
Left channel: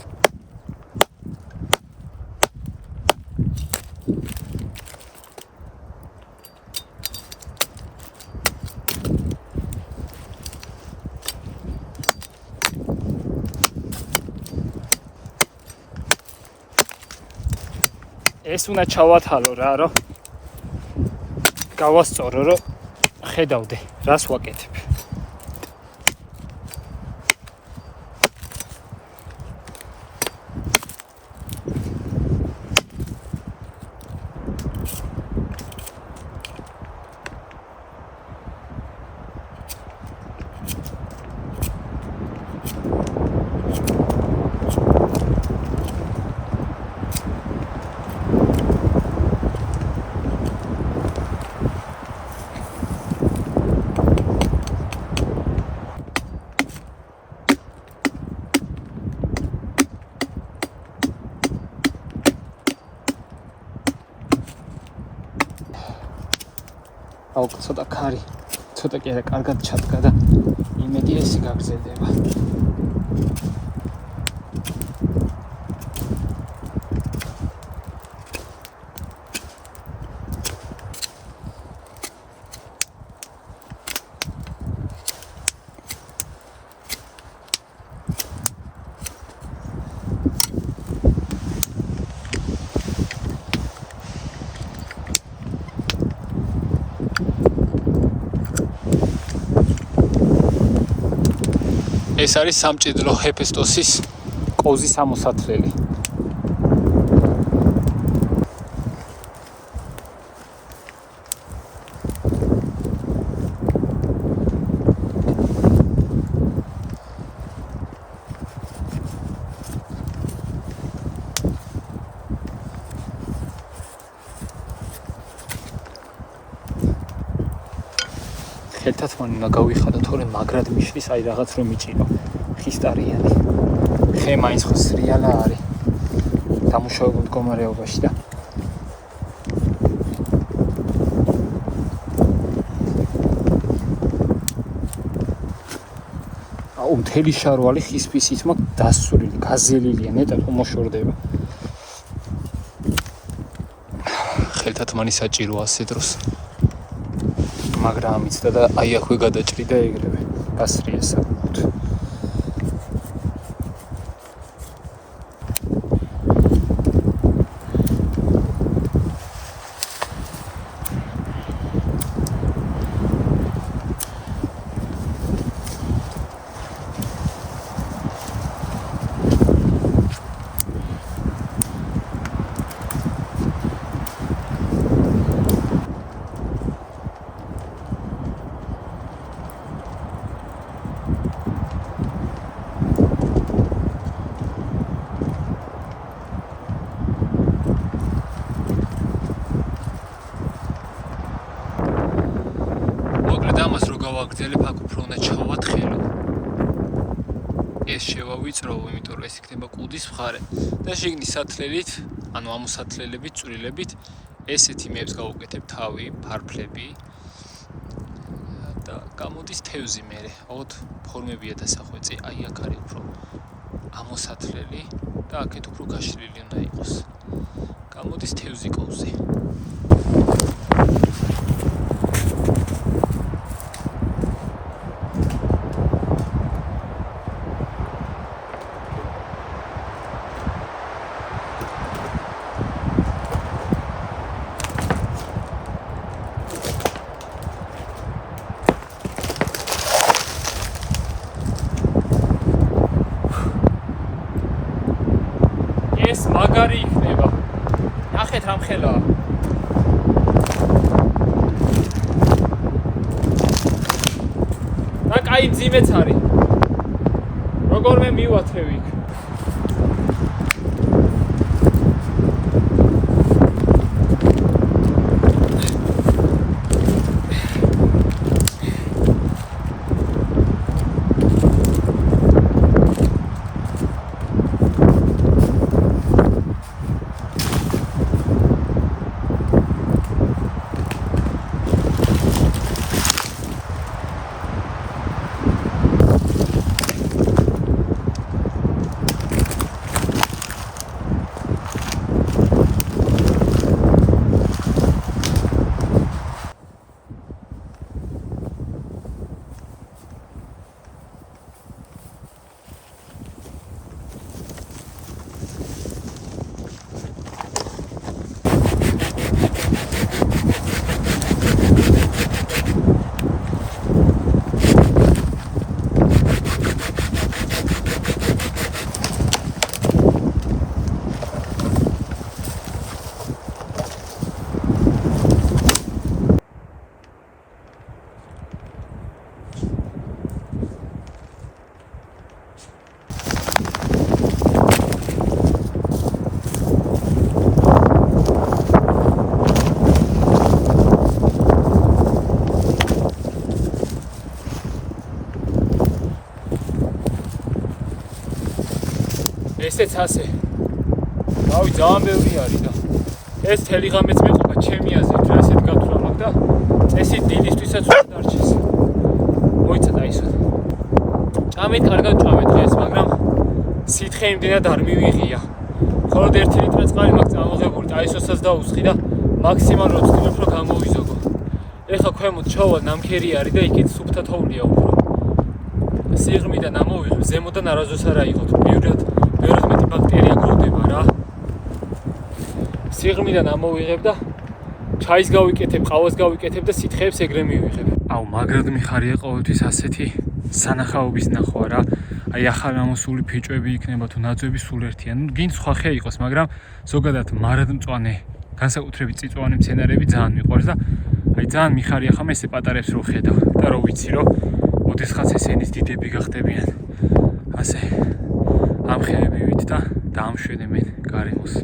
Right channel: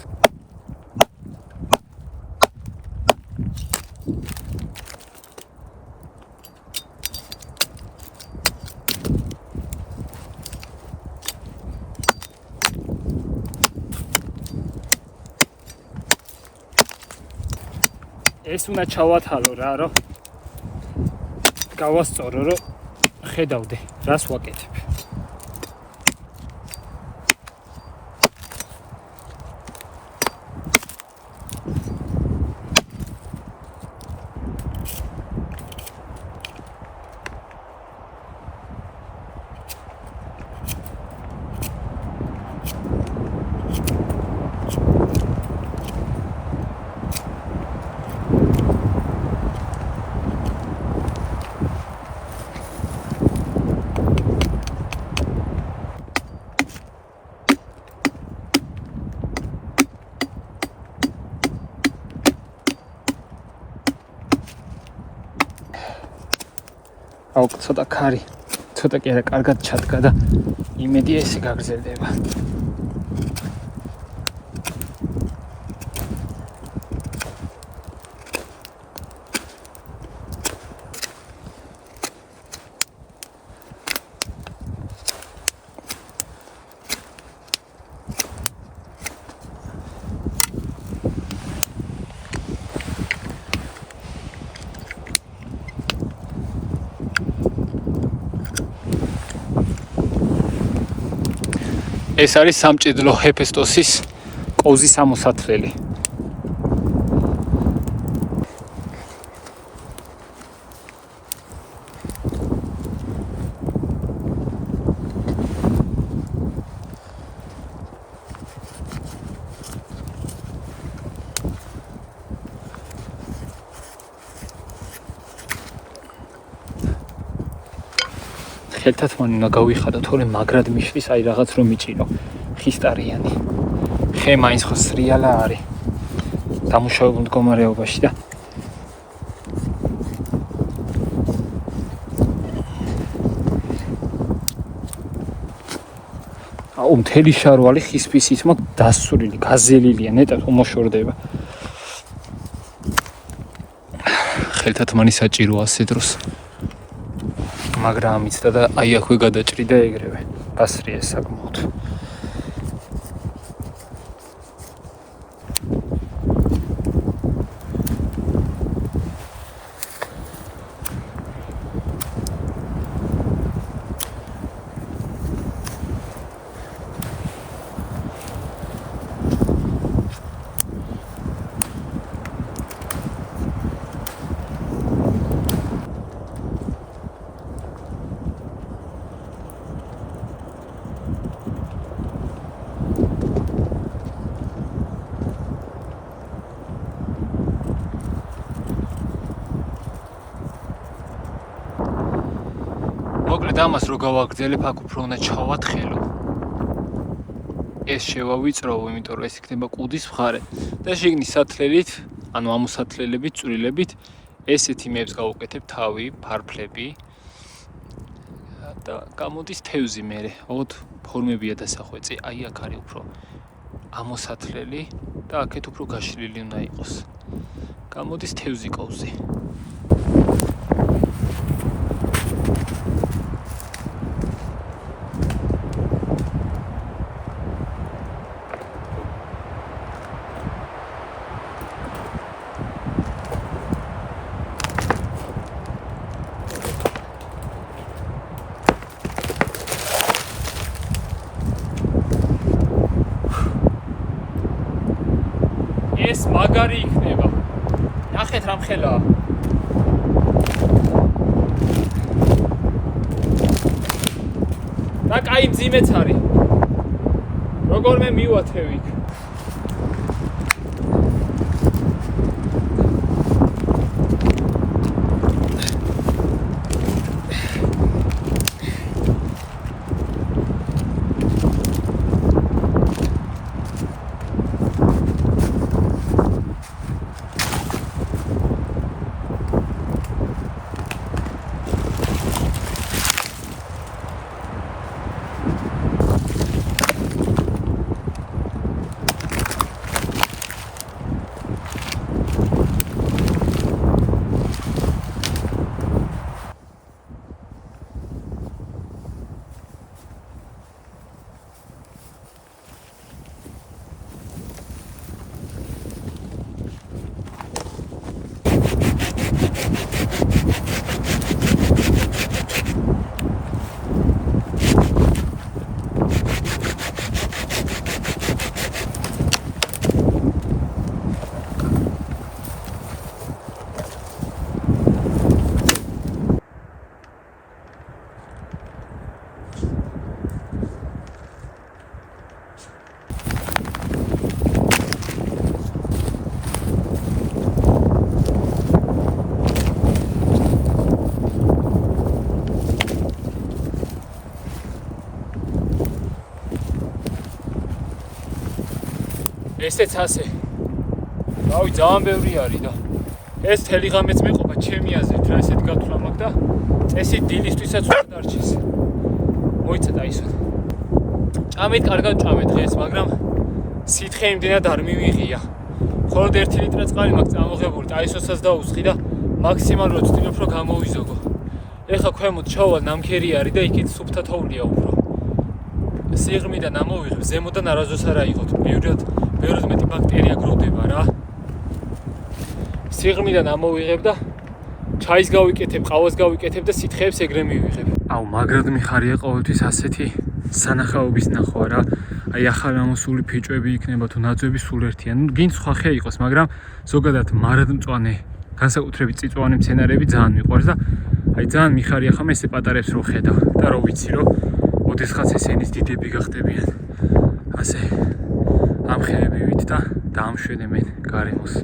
ეს უნდა ჩავათალო რა, რომ გავასწორო, რომ ხედავდე, რას ვაკეთებ. აუ ცოტა ქარი, ცოტა კი არა კარგად ჩადგა და იმედია ესე გაგრძელდება. ეს არის სამჭიდლო ჰეფესტოსის კოზის ამოსათლელი. ერთად მან უნდა გავიხადო, თორე მაგრად მიშლის, აი რაღაც რომ მიჭირო. ხისტარიანი. ხე მაინც ხო სრიალა არის. დამუშავებულ მდგომარეობაში და აუ მთელი შარვალი ხის ფისით მაქვს დასურილი, გაზელილია, ნეტად უმოშორდება. ხელთათ მანი საჭიროა ასე დროს. მაგრამ ამიცდა და აი აქვე გადაჭრიდა ეგრევე. გასრია საკმაოდ. ამას რო გავაგრძელებ, აქ უფრო უნდა ჩავათხელო. ეს შევავიწროვო, იმიტომ რომ ეს იქნება კუდის მხარე და შიგნით სათლელით, ანუ ამოსათლელებით, წვრილებით ესეთ იმებს გავუკეთებ თავი, ფარფლები და გამოდის თევზი მერე. ოდ ფორმებია დასახვეწი, აი აქ არის უფრო ამოსათლელი და აქეთ უფრო გაშლილი უნდა იყოს. გამოდის თევზი კოვზე. ეს მაგარი იქნება. ნახეთ რამ ხელაა. და კაი მძიმეც არის. როგორმე მივათევ იქ. ესეც ასე. რავი, ძალიან ბევრი არის და ეს თელი ღამეც მეყოფა ჩემი აზრით, რა ესეთ გათვლა მაქვს და წესი დილისთვისაც უნდა დარჩეს. მოიცა დაისვათ. ჭამეთ, კარგად ჭამეთ დღეს, მაგრამ სითხე იმდენად არ მივიღია. მხოლოდ 1 ლიტრა წყალი მაქვს წამოღებული, დაისვასაც დაუსხი და მაქსიმალურად ვცდილობ რომ გამოვიზოგო. ეხლა ქვემოთ ჩავალ, ნამქერი არის და იქით სუფთა თოვლია უფრო. სიღრმიდან ამოვიღებ, ზემოდან არასდროს არ აიღოთ. ბევრად მეტი ბაქტერია გროვდება რა. სიღრმიდან ამოვიღებ და ჩაის გავიკეთებ, ყავას გავიკეთებ და სითხეებს ეგრე მივიღებ. აუ, მაგრად მიხარია ყოველთვის ასეთი სანახაობის ნახვა რა. აი ახალ ამოსული ფიჭვები იქნება თუ ნაძვები სულ ერთია. ნუ გინდ სხვა ხე იყოს, მაგრამ ზოგადად მარადმწვანე, განსაკუთრებით წიწვოვანი მცენარეები ძალიან მიყვარს და აი ძალიან მიხარია ხომ ესე პატარებს რო ხედავ და რო ვიცი რომ ოდესღაც ესენის დიდები გახდებიან. ასე ამ ხეებივით და დაამშვენე მე გარემოს.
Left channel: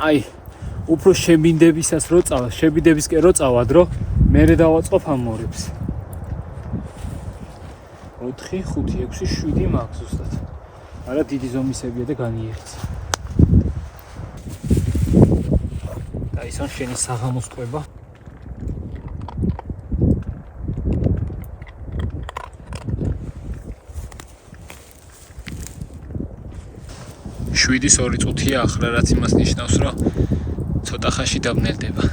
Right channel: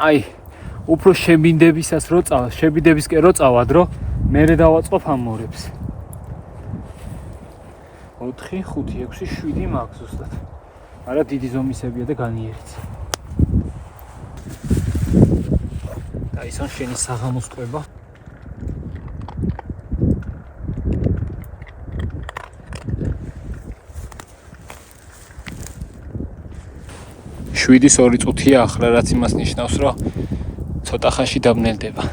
აი, უფრო შებინდებისას რო წავა, შებინდებისკენ რო წავად, რომ მერე დავაწყობ ამ მორებს. 4, 5, 6, 7 მაქვს ზუსტად. არა დიდი ზომისებია და განიერიც. Ტაისონ შენი საღამოს კვება. შვიდის 2 წუთია ახლა, რაც იმას ნიშნავს, რომ ცოტა ხანში დაბნელდება.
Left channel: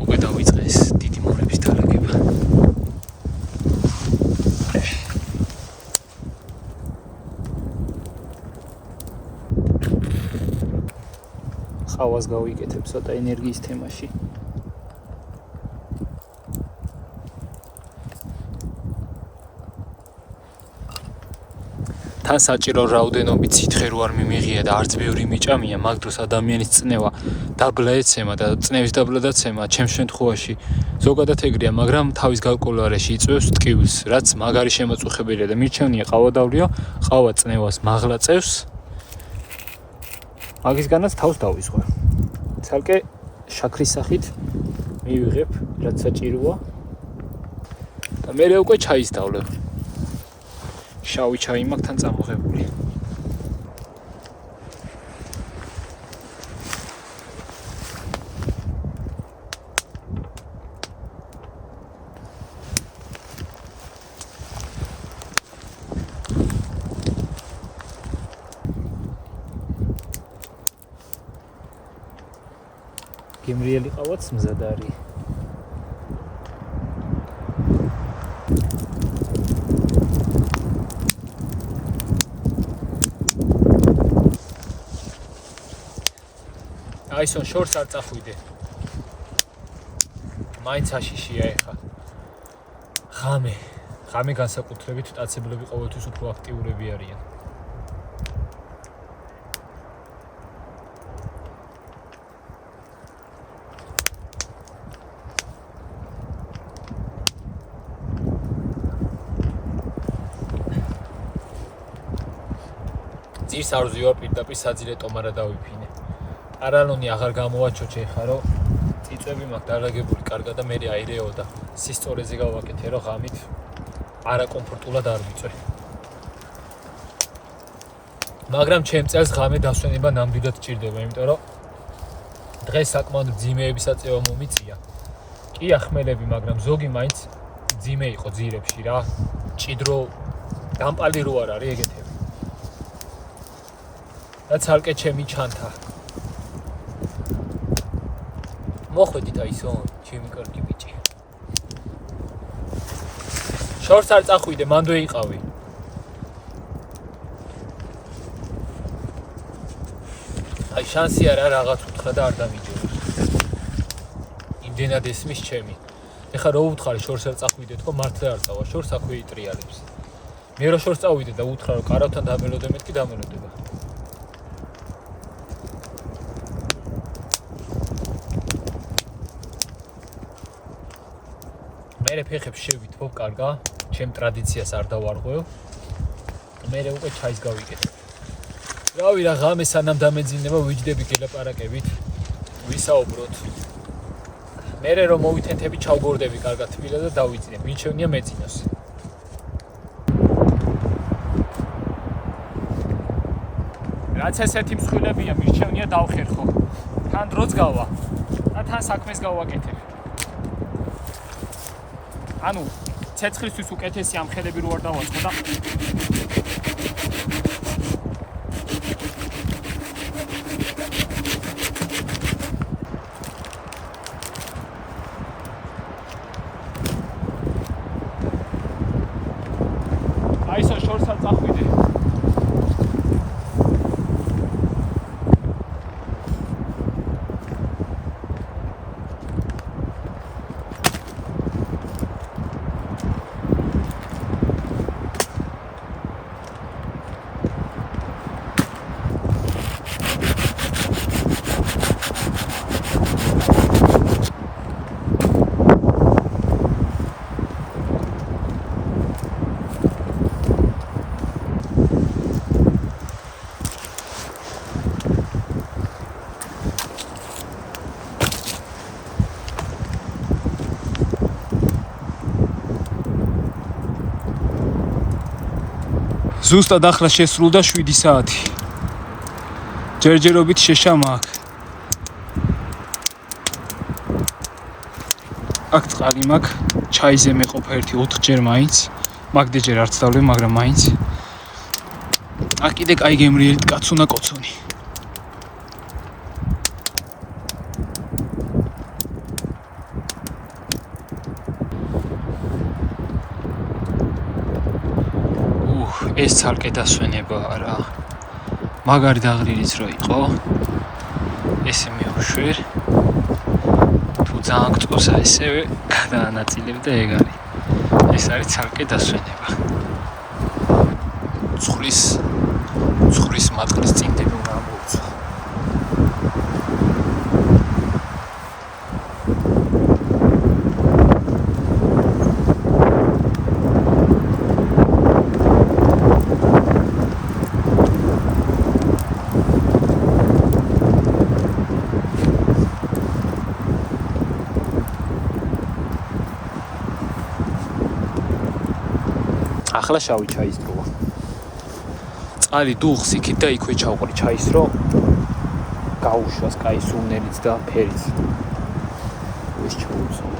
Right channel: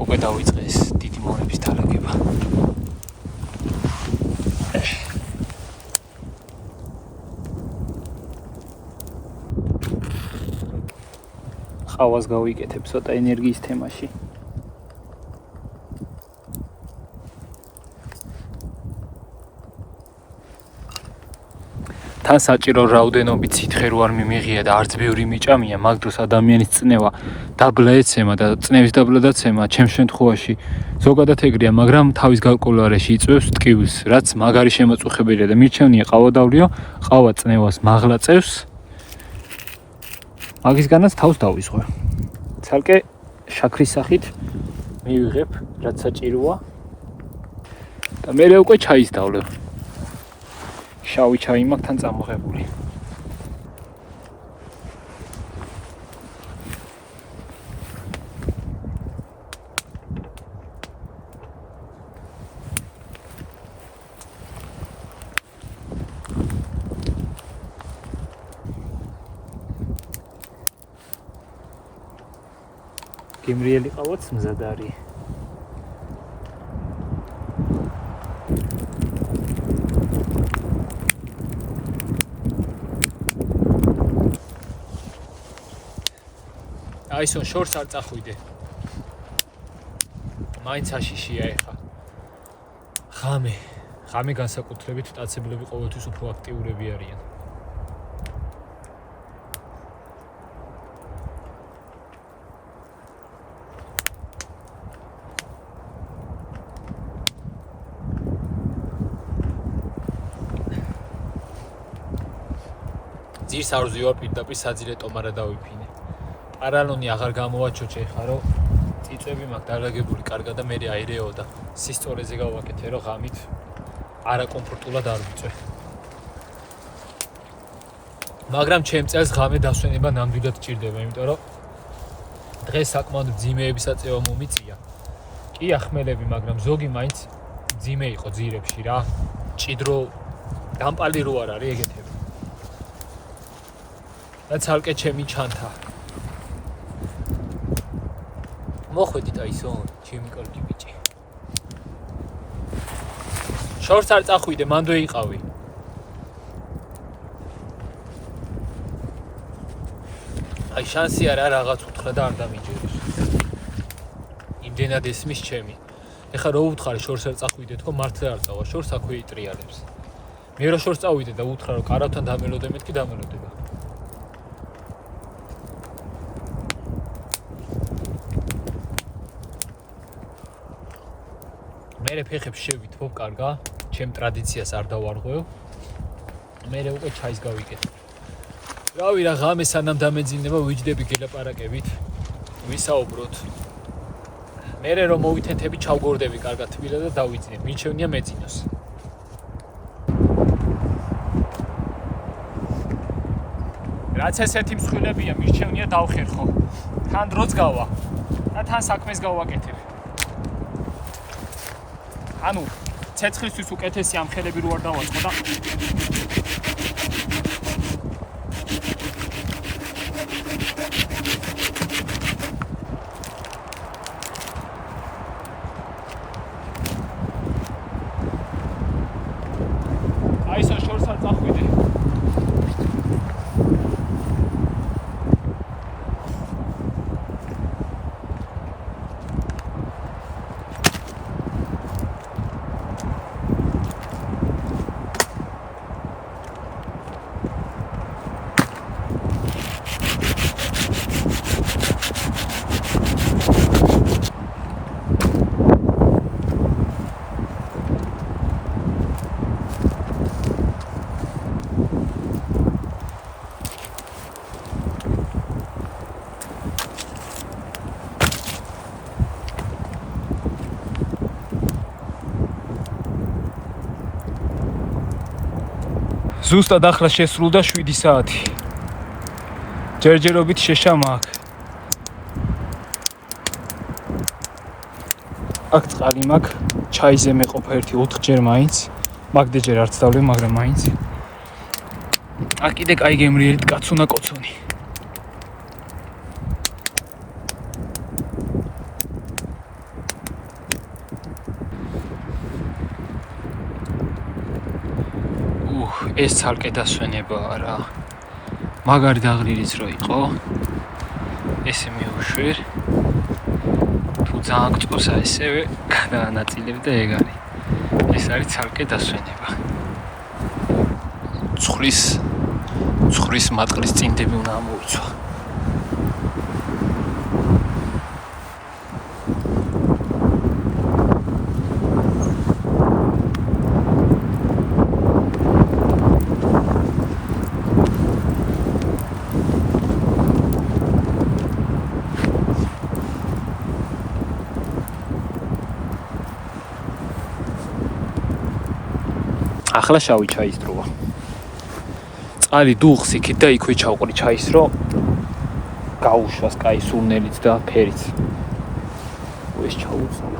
უკვე დავიწყე ეს დიდი მორების თარიღება. ყავას გავიკეთებ ცოტა ენერგიის თემაში. თან საჭირო რაოდენობით სითხე რო არ მიმიღია და არც ბევრი მიჭამია, მაგ დროს ადამიანის წნევა დაბლა ეცემა და წნევის დაბლადაცემა ჩემს შემთხვევაში ზოგადად ეგრეა, მაგრამ თავის გაკვირვაში იწვევს ტკივილს, რაც მაგარი შემაწუხებელია და მირჩევნია ყავა დავლიო, ყავა წნევას მაღლა წევს. მაგისგანაც თავს დავისხო. ცალკე შაქრის სახით მივიღებ, რაც საჭიროა. და მე უკვე ჩაის დავლევ. შავი ჩაი მაქვს თან წამოღებული. გემრიელი ყავაც მზად არის. აისონ შორს არ წახვიდე. მაინც აშიშია ეხა. ღამე განსაკუთრებით მტაცებლები ყოველთვის უფრო აქტიურები არიან. ძირს არ ვზივარ პირდაპირ საძირე ტომარა დავიფინე. არალონი აღარ გამოვაჩოჩე ხა რომ წიწვები მაქვს დალაგებული კარგად და მე აირეო და სისწორეზე გავაკეთე რომ ღამით არაკომფორტულად არ ვიწვე. მაგრამ ჩემ წელს ღამე დასვენება ნამდვილად ჭირდება, იმიტომ რომ დღეს საკმაოდ ძიმეების აწევა მომიწია. კი ახმელები, მაგრამ ზოგი მაინც ძიმე იყო ძირებში რა. ჭიდრო დამპალი რო არ არის ეგეთები. და ცალკე ჩემი ჩანთა. მოხვედით აისონ, ჩემი კარგი ბიჭი. შორს არ წახვიდე, მანდვე იყავი. აი შანსი არა რაღაც უთხრა და არ დამიჯეროს. იმდენად ესმის ჩემი. ეხლა რო უთხარი შორს არ წახვიდე, თქო მართლა არ წავა, შორს აქვე იტრიალებს. მე რო შორს წავიდე და უთხრა რომ კარავთან დამელოდე, მეთქი დამელოდება. მე ფეხებს შევითვობ კარგა, ჩემ ტრადიციას არ დავარღვევ. მე უკვე ჩაის გავიკეთე. რავი რა ღამე სანამ დამეძინება ვიჯდები გელაპარაკებით, ვისაუბროთ. მე რომ მოვითეთები ჩავგორდები კარგად თბილა და დავიძინებ. მიჩვენია მეძინოს. რაც ესეთი მსხვილებია, მიჩვენია დავხერხო. თან დროც გავა და თან საქმეს გავაკეთებ. ანუ ცეცხლისთვის უკეთესი ამხელები რო არ დავაწყო და აისონ შორს არ წახვიდე. ზუსტად ახლა შესრულდა 7 საათი. ჯერჯერობით შეშამა აქ. აქ წყალი მაქვს, ჩაიზე მეყოფა ერთი 4 ჯერ მაინც. მაგდეჯერ არც დავლე, მაგრამ მაინც. აქ კიდე კაი გემრიელი კაცუნა კოცონი. ეს ცალკე დასვენებაა რა. მაგარი დაღლილიც რო იყო. ესე მიუშვერ. თუ ძალიან გწოვსა ესევე გადაანაწილებ და ეგ არის. ეს არის ცალკე დასვენება. ცხრის მატყლის წინდები უნდა მოიცვა. ახლა შავი ჩაის დროა. წყალი დუღს იქით და იქვე ჩავყრი ჩაის რო გაუშვას კაი სულნელიც და ფერიც. ეს ჩაუწვა.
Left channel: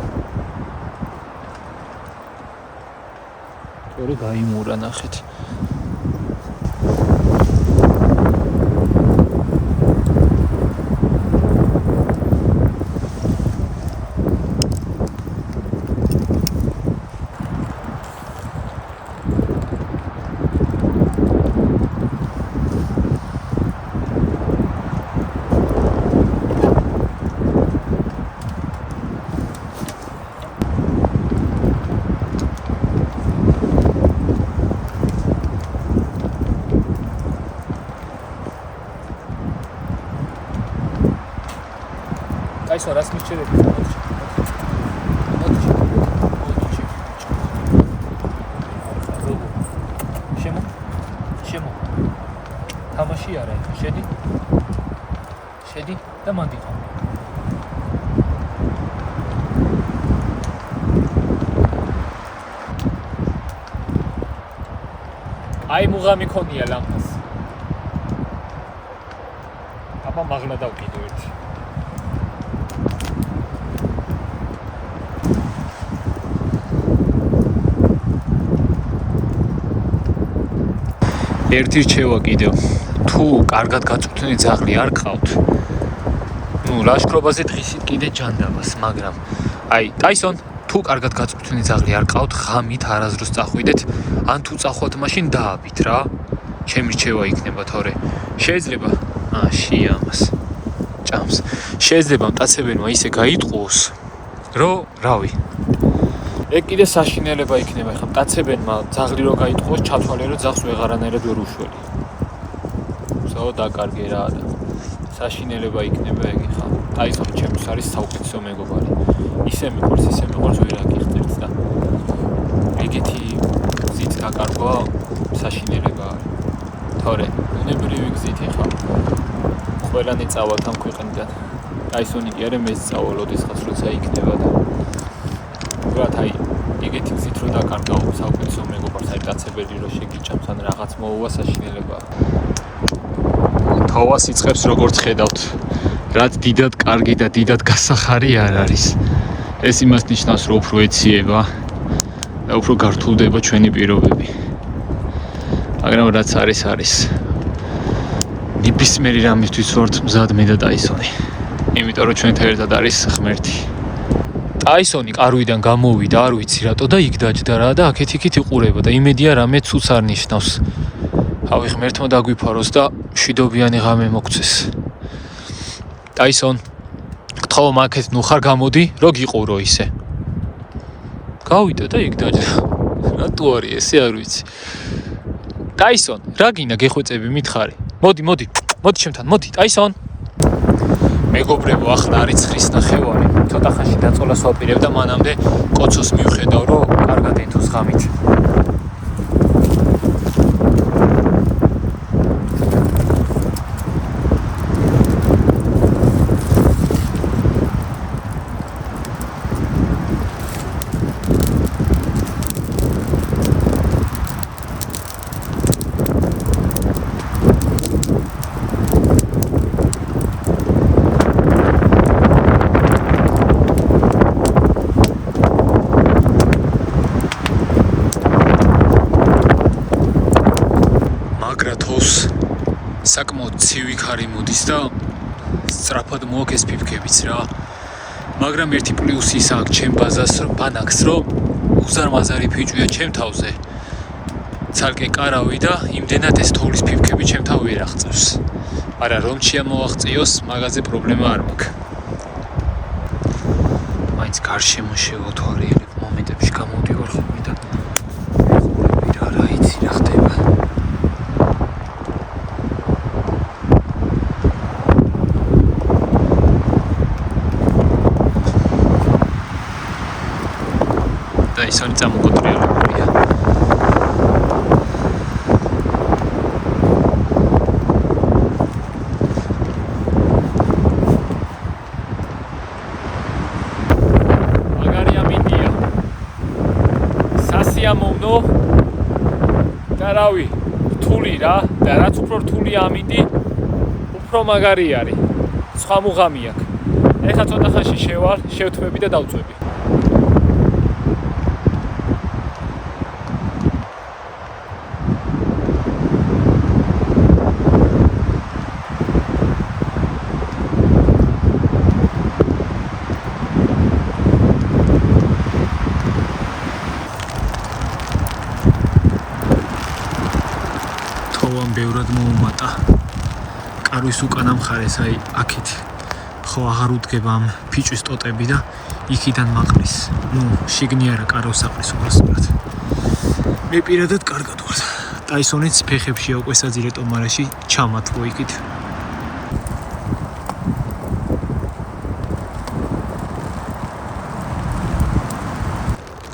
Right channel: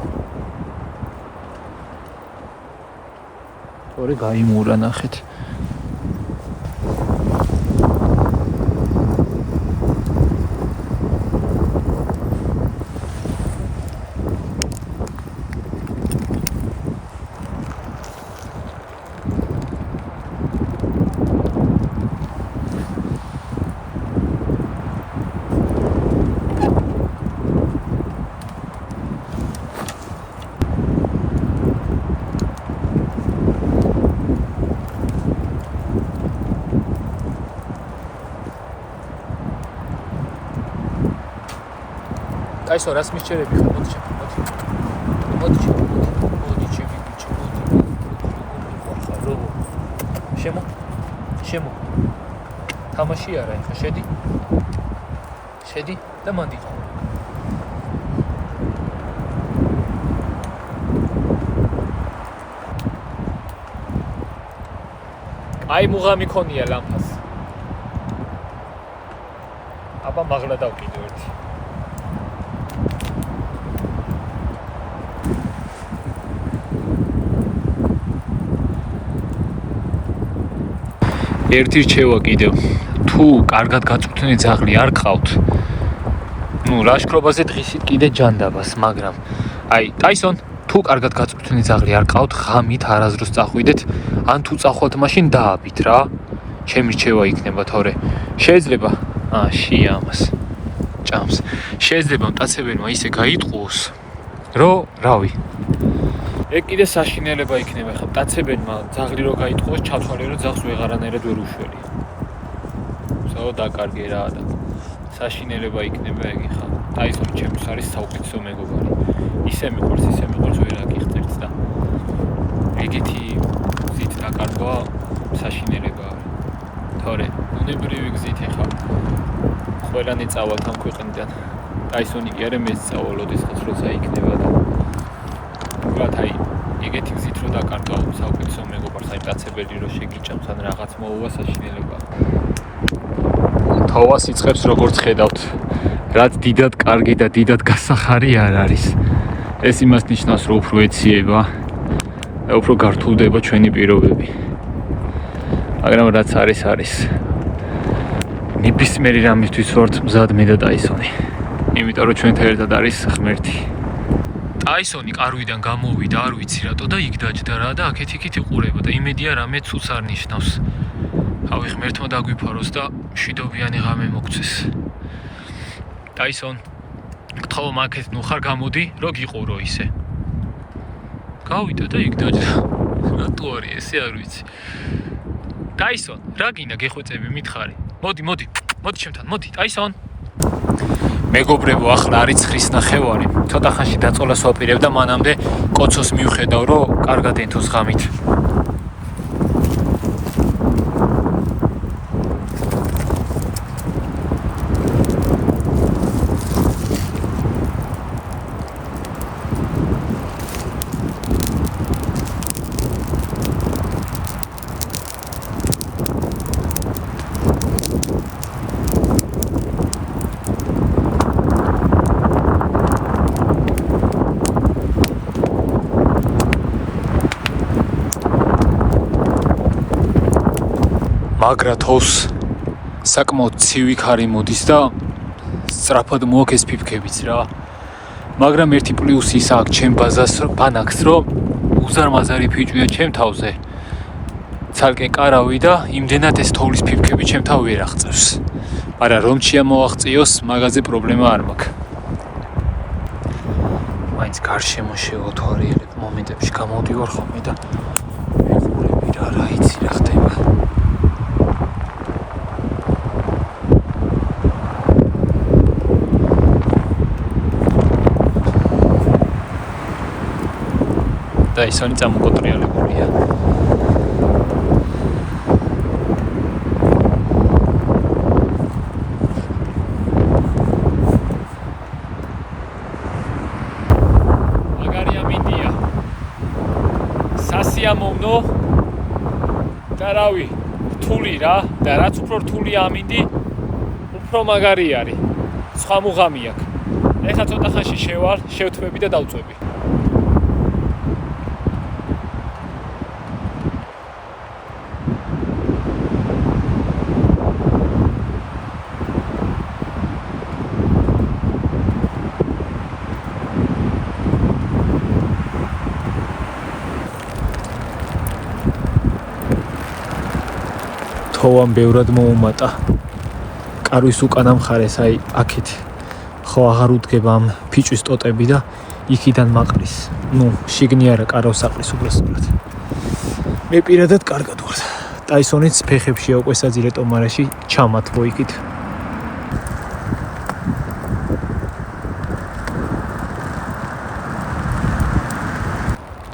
თორე გაიმურა ნახეთ. Այսօր ասում ես չերեք, ոդի Շեմո, թամաշի արա ինքը, շեդի, դա մանդի խոմ։ Այ մուղամի քոնի է լամպաս։ Ապա մաղլադավ կիդու էրդի։ ერთი რჩევა კიდევ თუ კარგად გაწვრთნილი ძაღლი არ ყავთ ნუ ლაშქრობაზე დღისით კიდე ჯანდაბას მაგრამ აი ტაისონ თუ კარგად გაწვრთნილი ძაღლი არ ყავთ ღამით არაზრუს წახვიდეთ ან თუ წახვალთ მაშინ დააბით რა ჩემი რჩევა იქნება თორე შეიძლება შია ამას ჭამს შეიძლება მტაცებელმა ისე გაიტყუოს რომ რავი ეგ კიდე საშინელება იქნება ხა მტაცებელმა ძაღლი რო გაიტყუოს ჩათვალე რომ ძაღლს ვეღარანაირად ვერ უშველი საო დაკარგე რა და საშინელება იქნება ეგ ხა ტაისონ ჩემს არის საუკეთესო მეგობარი ისე მიყვარს ვერ აკიხდეთ და ეგეთი ზით დაკარგვა საშინელება არის თორე უნებრივი გზით ხა ყველანი წავალთ ამ ქვეყნიდან ტაისონი კი არა მეც წავალოდეს ხას როცა იქნება და აი ეგეთი გზით რო დაკარგავ საუკეთესო მეგობარს აი კაცებელი რო შეგიჭამს ან რაღაც მოუვა საშინელებაა თავა სიცხებს როგორც ხედავთ რაც დიდად კარგი და დიდად გასახარი არ არის ეს იმას ნიშნავს რომ უფრო ეციება და უფრო გართულდება ჩვენი პირობები მაგრამ რაც არის ნებისმიერი რამისთვის ვართ მზად მე და ტაისონი იმიტომ რომ ჩვენთან ერთად არის ღმერთი ტაისონი კარვიდან გამოვიდა, არ ვიცი რატო და იქ დაჯდა რა და აქეთ-იქით იყურება და იმედია რამე ცუც არ ნიშნავს. ავი ღმერთმა დაგვიფაროს და მშვიდობიანი ღამე მოგცეს. ტაისონ, გთხოვ მაგეთ ნუ ხარ გამოდი, რო გიყურო ისე. გავიდა და იქ დაჯდა. რატო არის ესე არ ვიცი. ტაისონ, რა გინდა გეხვეწები მითხარი? მოდი ჩემთან, მოდი, ტაისონ. მეგობრებო, ახლა არის ცხრის ნახევარი. ცოტა ხანში დაწოლას ვაპირებ და მანამდე კოცოს მივხედავ, რომ კარგად ეთოს ღამით. მაგრა თოვს საკმაოდ ცივი ქარი მოდის და სწრაფად მოაქვს ფიფქებიც რა. მაგრამ ერთი პლუსი ის აქვს ჩემ ბანაკს, რომ უზარმაზარი ფიჭვია ჩემ თავზე. ცალკე კარავი და იმდენად ეს თოვლის ფიფქები ჩემ თავ ვერ აღწევს. არა რომ შეამოაღწიოს, მაგაზე პრობლემა არ მაქვს. მაინც გარშემო შევოთვალიერებ მომენტებში გამოდივარ ხოლმე და ვიყურები რა იცი რა ხდება. და ისინი წამოკოტრიალებულია. მაგარი ამინდია. სასიამოვნო და რავი, რთული რა და რაც უფრო რთული ამინდი, უფრო მაგარი არის. სხვა მუღამი აქვს. ეხლა ცოტა ხანში შევალ, შევთმები და დავწვევი. თოვამ ბევრად მოუმატა. კარვის უკანა მხარეს, აი აქეთ. ხო აღარ უდგება ამ ფიჭვის ტოტები და იქიდან მაყრის. შიგნი არა კარავს საყრის უბრალოდ. მე პირადად კარგად ვარ. ტაისონიც ფეხებშია უკვე საძილე ტომარაში ჩამათბო იქით.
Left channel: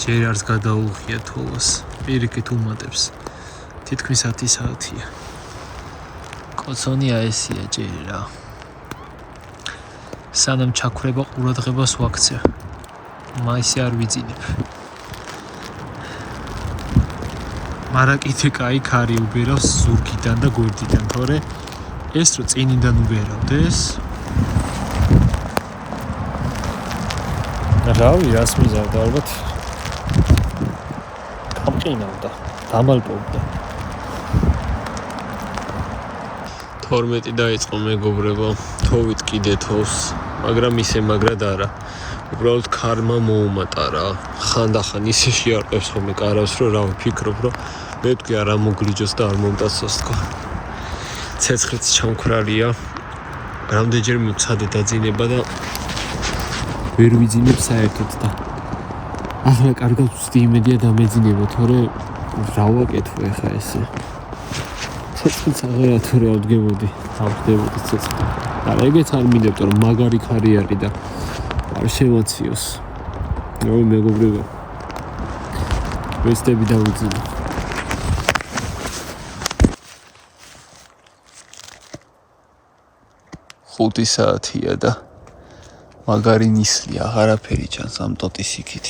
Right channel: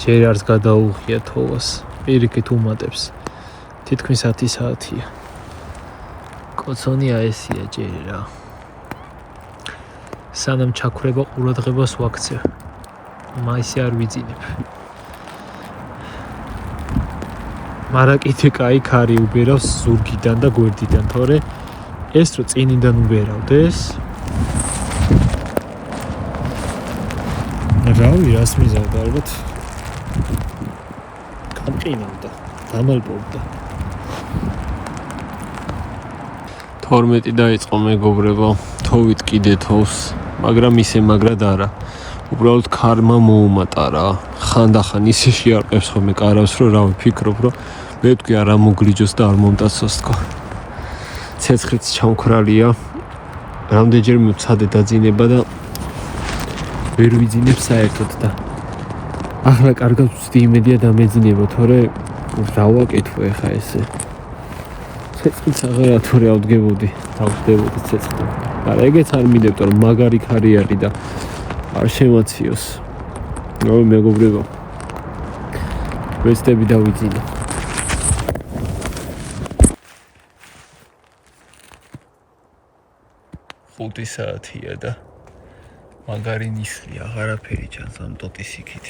ჯერ არც გადაუღია თოვას. პირიქით უმატებს. თითქმის 10 საათია. კოცონია ესია ჯერ რა. სანამ ჩაქრება ყურადღებას ვაქცევ. მაისი არ ვიძინებ. მარა კიდე კაი ქარი უბერავს ზურგიდან და გვერდიდან, თორე ეს რო წინიდან უბერავდეს. რავი, რას მიზავდა ალბათ. გამყინავდა, დამალპობდა. 12 დაიწყო მეგობრებო, თოვით კიდე თოვს, მაგრამ ისე მაგრად არა. უბრალოდ ქარმა მოუმატა რა. ხანდახან ისე შეარყევს ხოლმე კარავს, რომ რა ვფიქრობ, რომ მე ვთქვი არ ამოგლიჯოს და არ მომტაცოს თქო. ცეცხლიც ჩამქრალია. რამდენჯერმე ვცადე დაძინება და ვერ ვიძინებ საერთოდ და ახლა კარგად ვწდი იმედია დამეძინება, თორე რა ვაკეთო ახლა ესე. ცეცხლიც აღარა თორე ავდგებოდი, ავდგებოდი ცეცხლი. და ეგეც არ მინდებ, რომ მაგარი ქარი არის და არ შემაციოს. რავი მეგობრებო. ვეცდები დავიძინო. ხუთი საათია და მაგარი ნისლი აღარაფერი ჩანს ამ ტოტის იქით.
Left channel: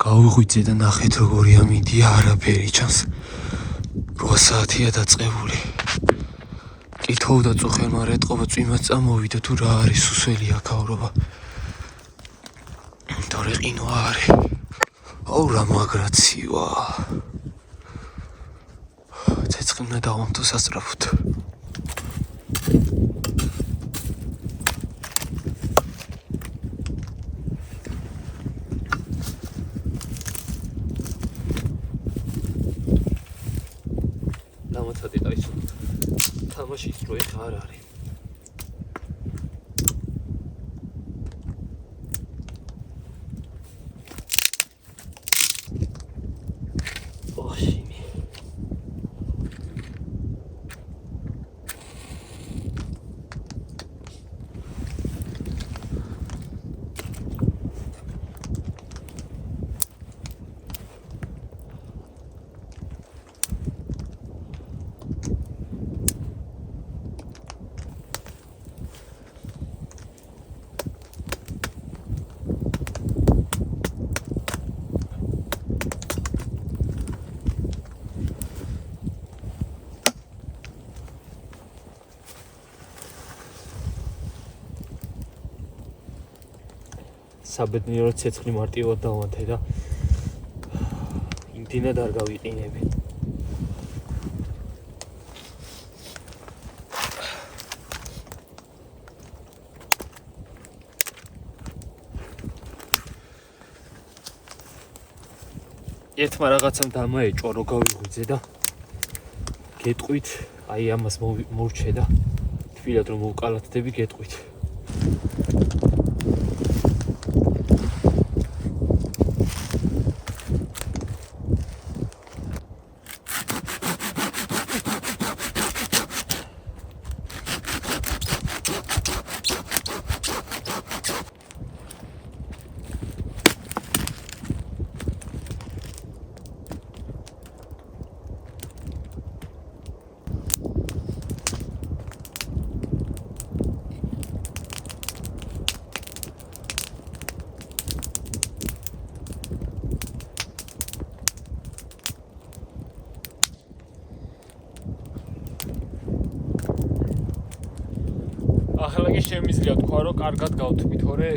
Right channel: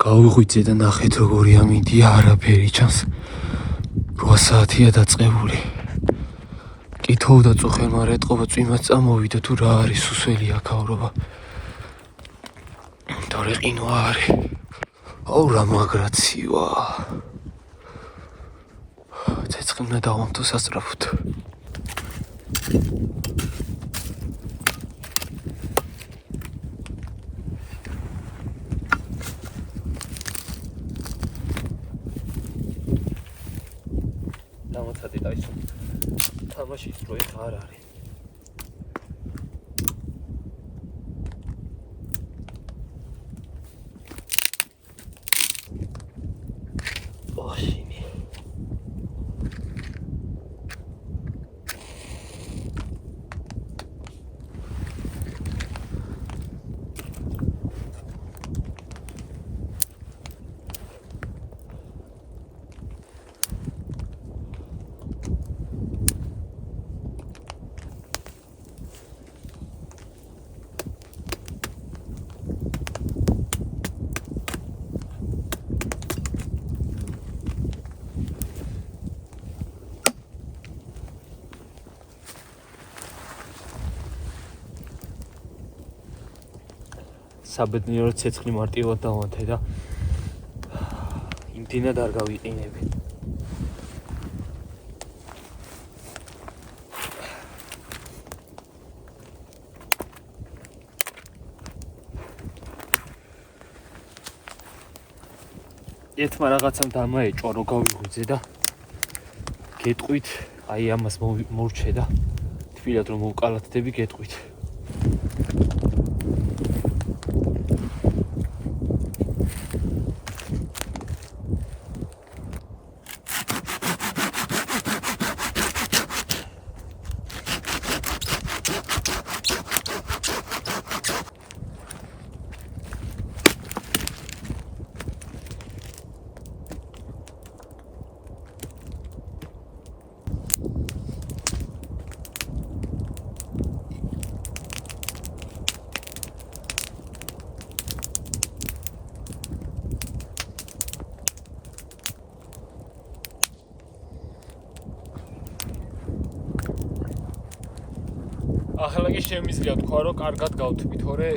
გავიღვიძე და ნახეთ როგორი ამინდია, არაფერი ჩანს. 8 საათია დაწყებული. კითხავ და წუხელმა რა ეთყობა, წვიმაც წამოვიდა თუ რა არის სუსველი აქაურობა. თორე ყინვა არის. აუ რა მაგრაცივა. ცეცხლი უნდა დავამტო სასწრაფოდ. დამოცადი დაისო. თამაში რო ეხა არ არის. ოშინი. საბედნიეროდ ცეცხლი მარტივად დავანთე და იმდენად არ გავიყინები. ერთმა რაღაცამ დამაეჭვა რომ გავიღვიძე და გეტყვით, აი ამას მორჩე და თბილად რომ მოვკალათდები გეტყვით. ახლა კი შემიძლია თქვა რომ კარგად გავთვი, თორე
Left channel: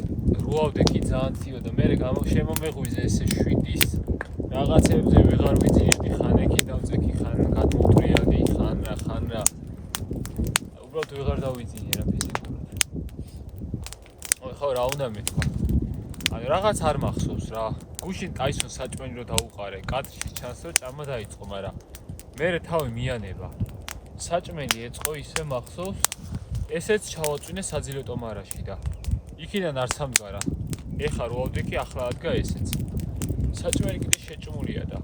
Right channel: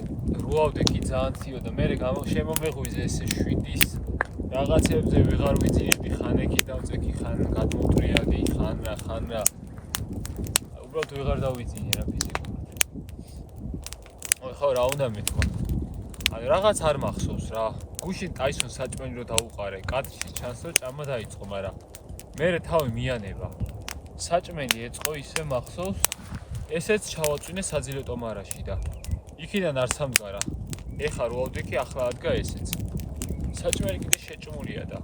რუავდე კი ძალიან ციო და მე შემომეღვიძე ესე 7-ის რაღაცებზე ვეღარ ვიძინები, ხან ეკი დავწექი, ხან გადმოვტრიალდი, ხან რა. უბრალოდ ვეღარ დავიძინე რა ფიზიკურად. ხო რა უნდა მეთქვა. ანუ რაღაც არ მახსოვს რა. გუშინ ტაისონ საჭმელი რო დაუყარე, კადრში ჩანს რომ ჭამა დაიწყო, მაგრამ მე თავი მიანება. საჭმელი ეწყო ისე მახსოვს ესეც ჩავაწვინე საძილე ტომარაში და იქიდან არ სამდგარა. ეხა რუავდე კი ახლა ადგა ესეც. საჭმელი კიდე შეჭმულია და